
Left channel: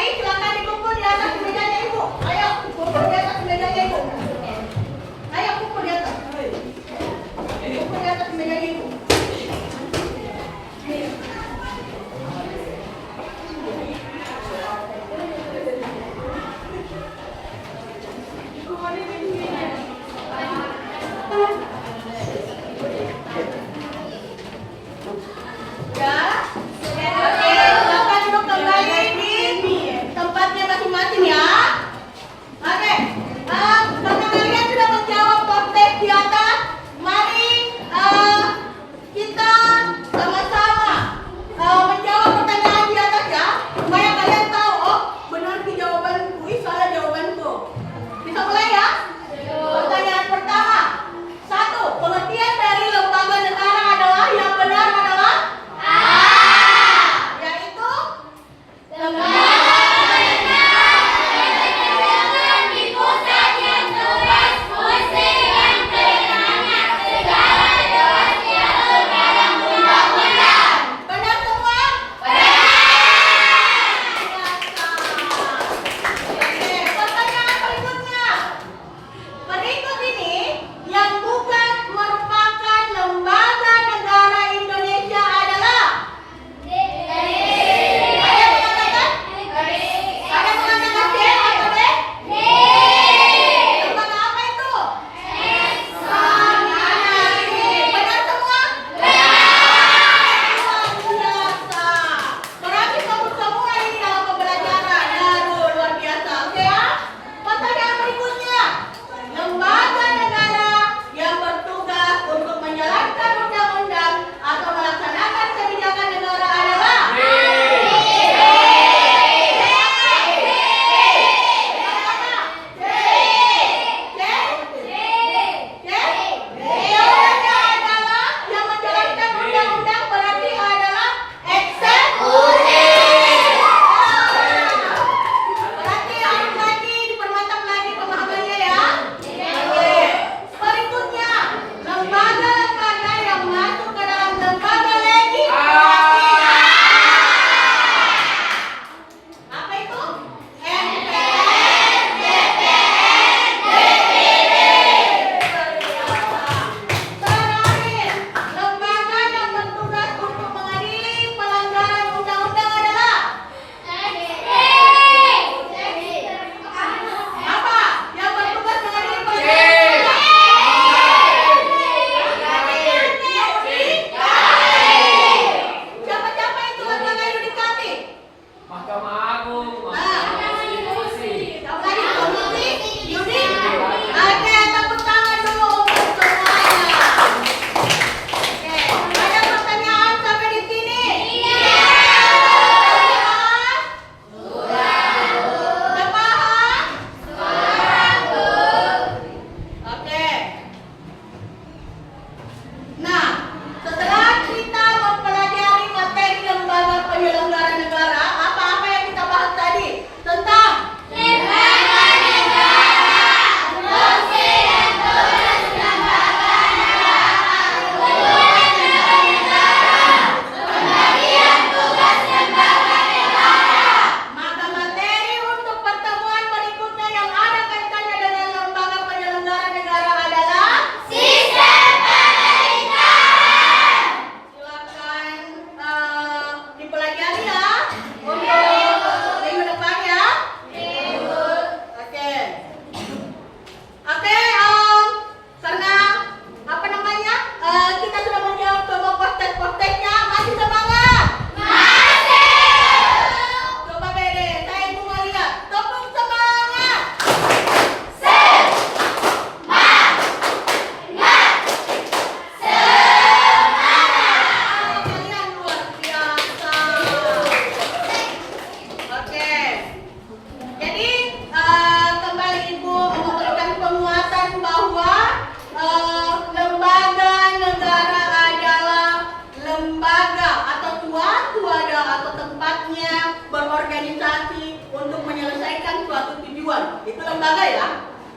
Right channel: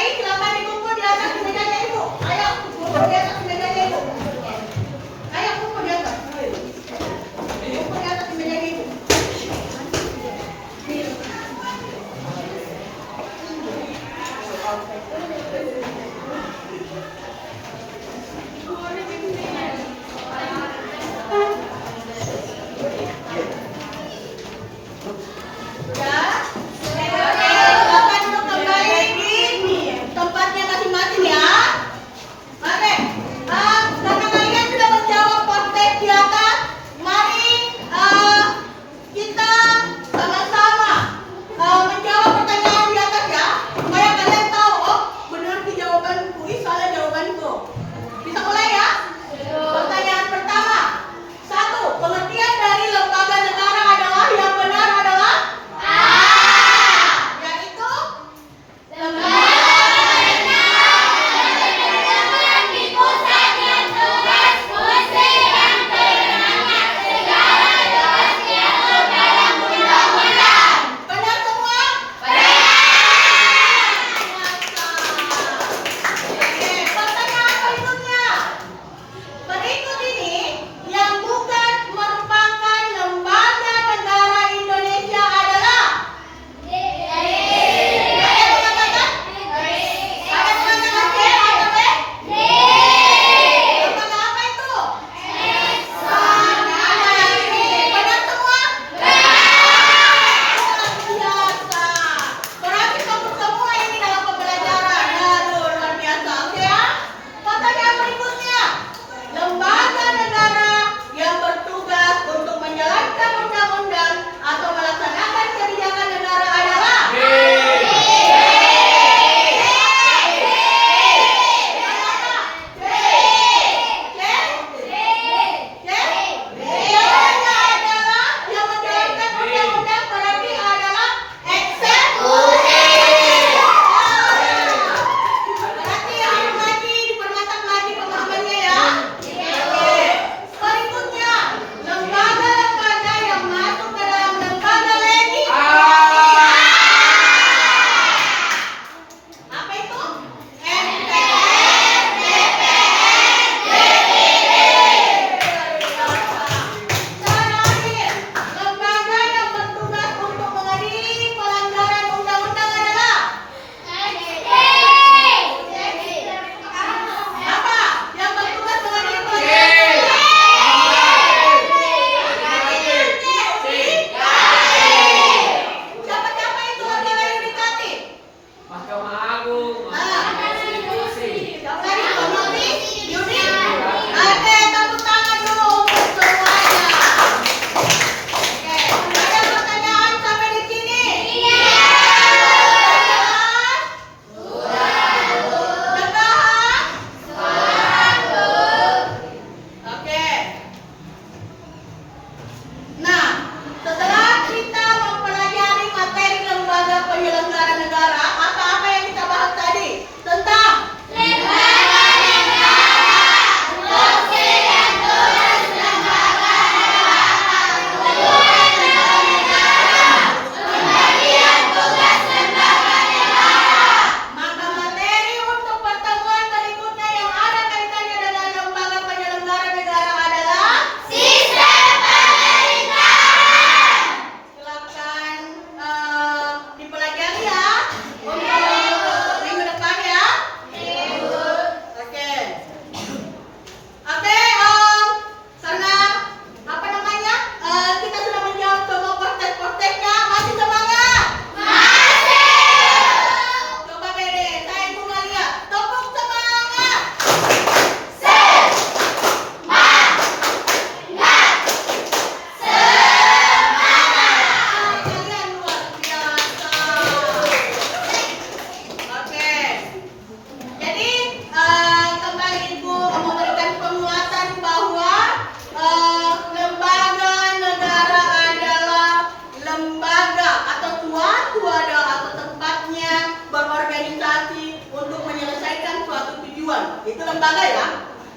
lembaga ya.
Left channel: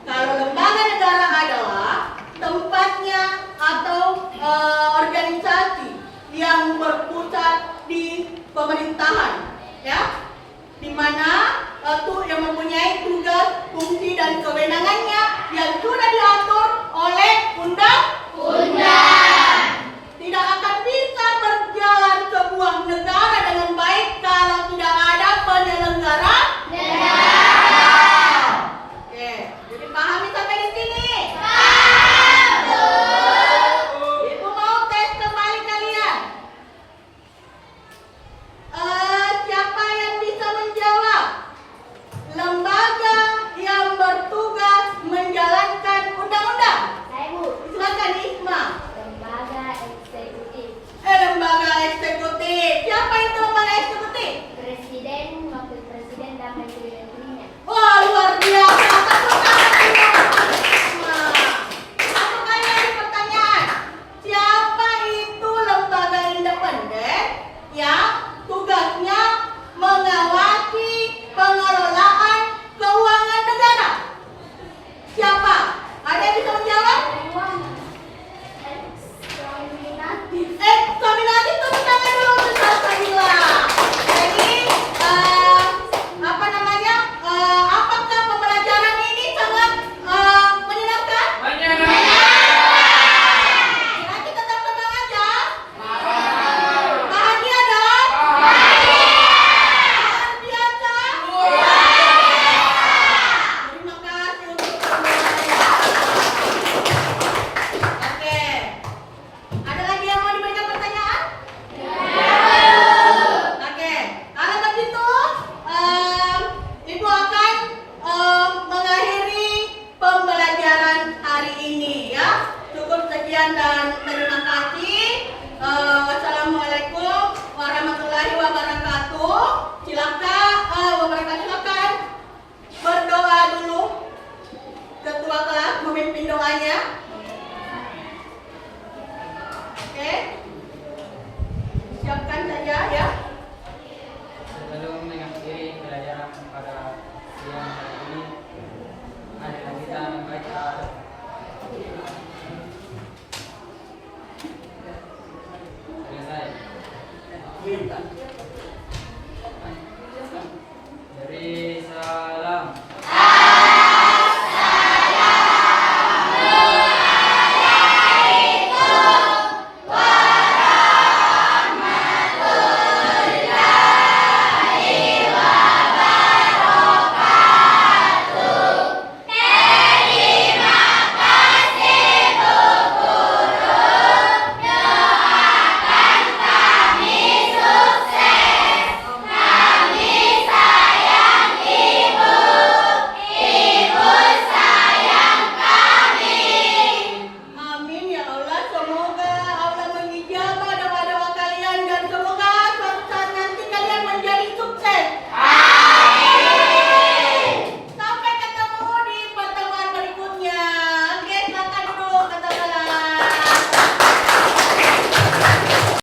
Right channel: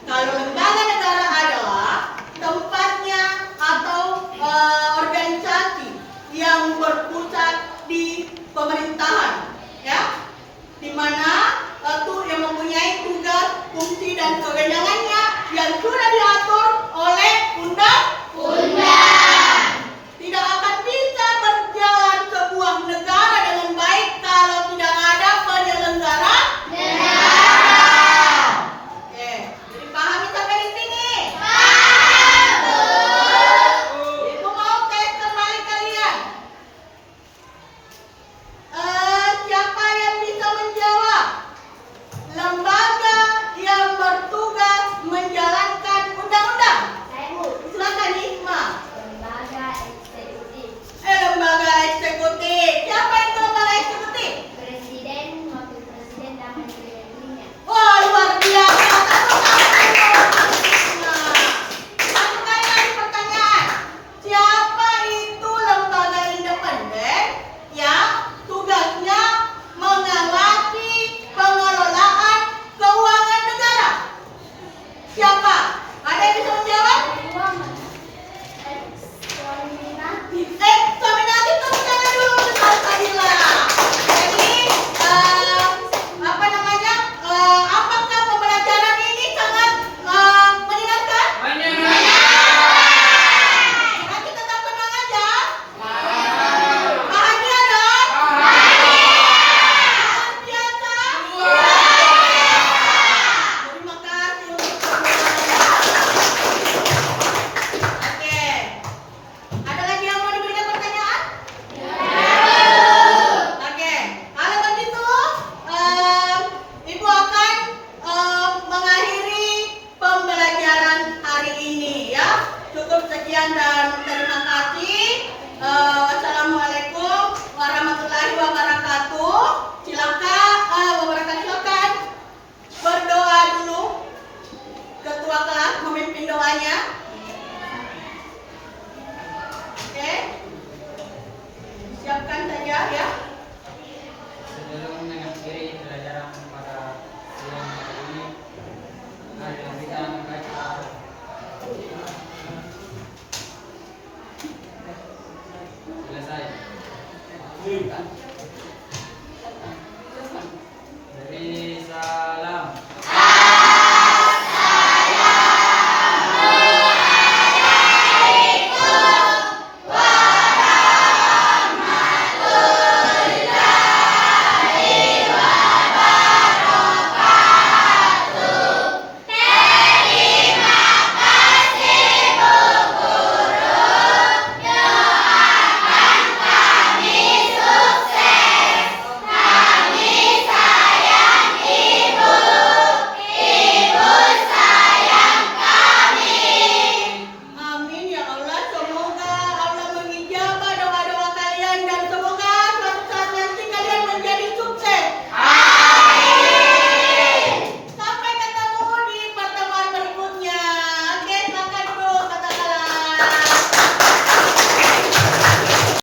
Kalau lembaga negara adalah tempatnya atau organisasi yang berpusat di pemerintahan, ya, di mana yang mempunyai tugas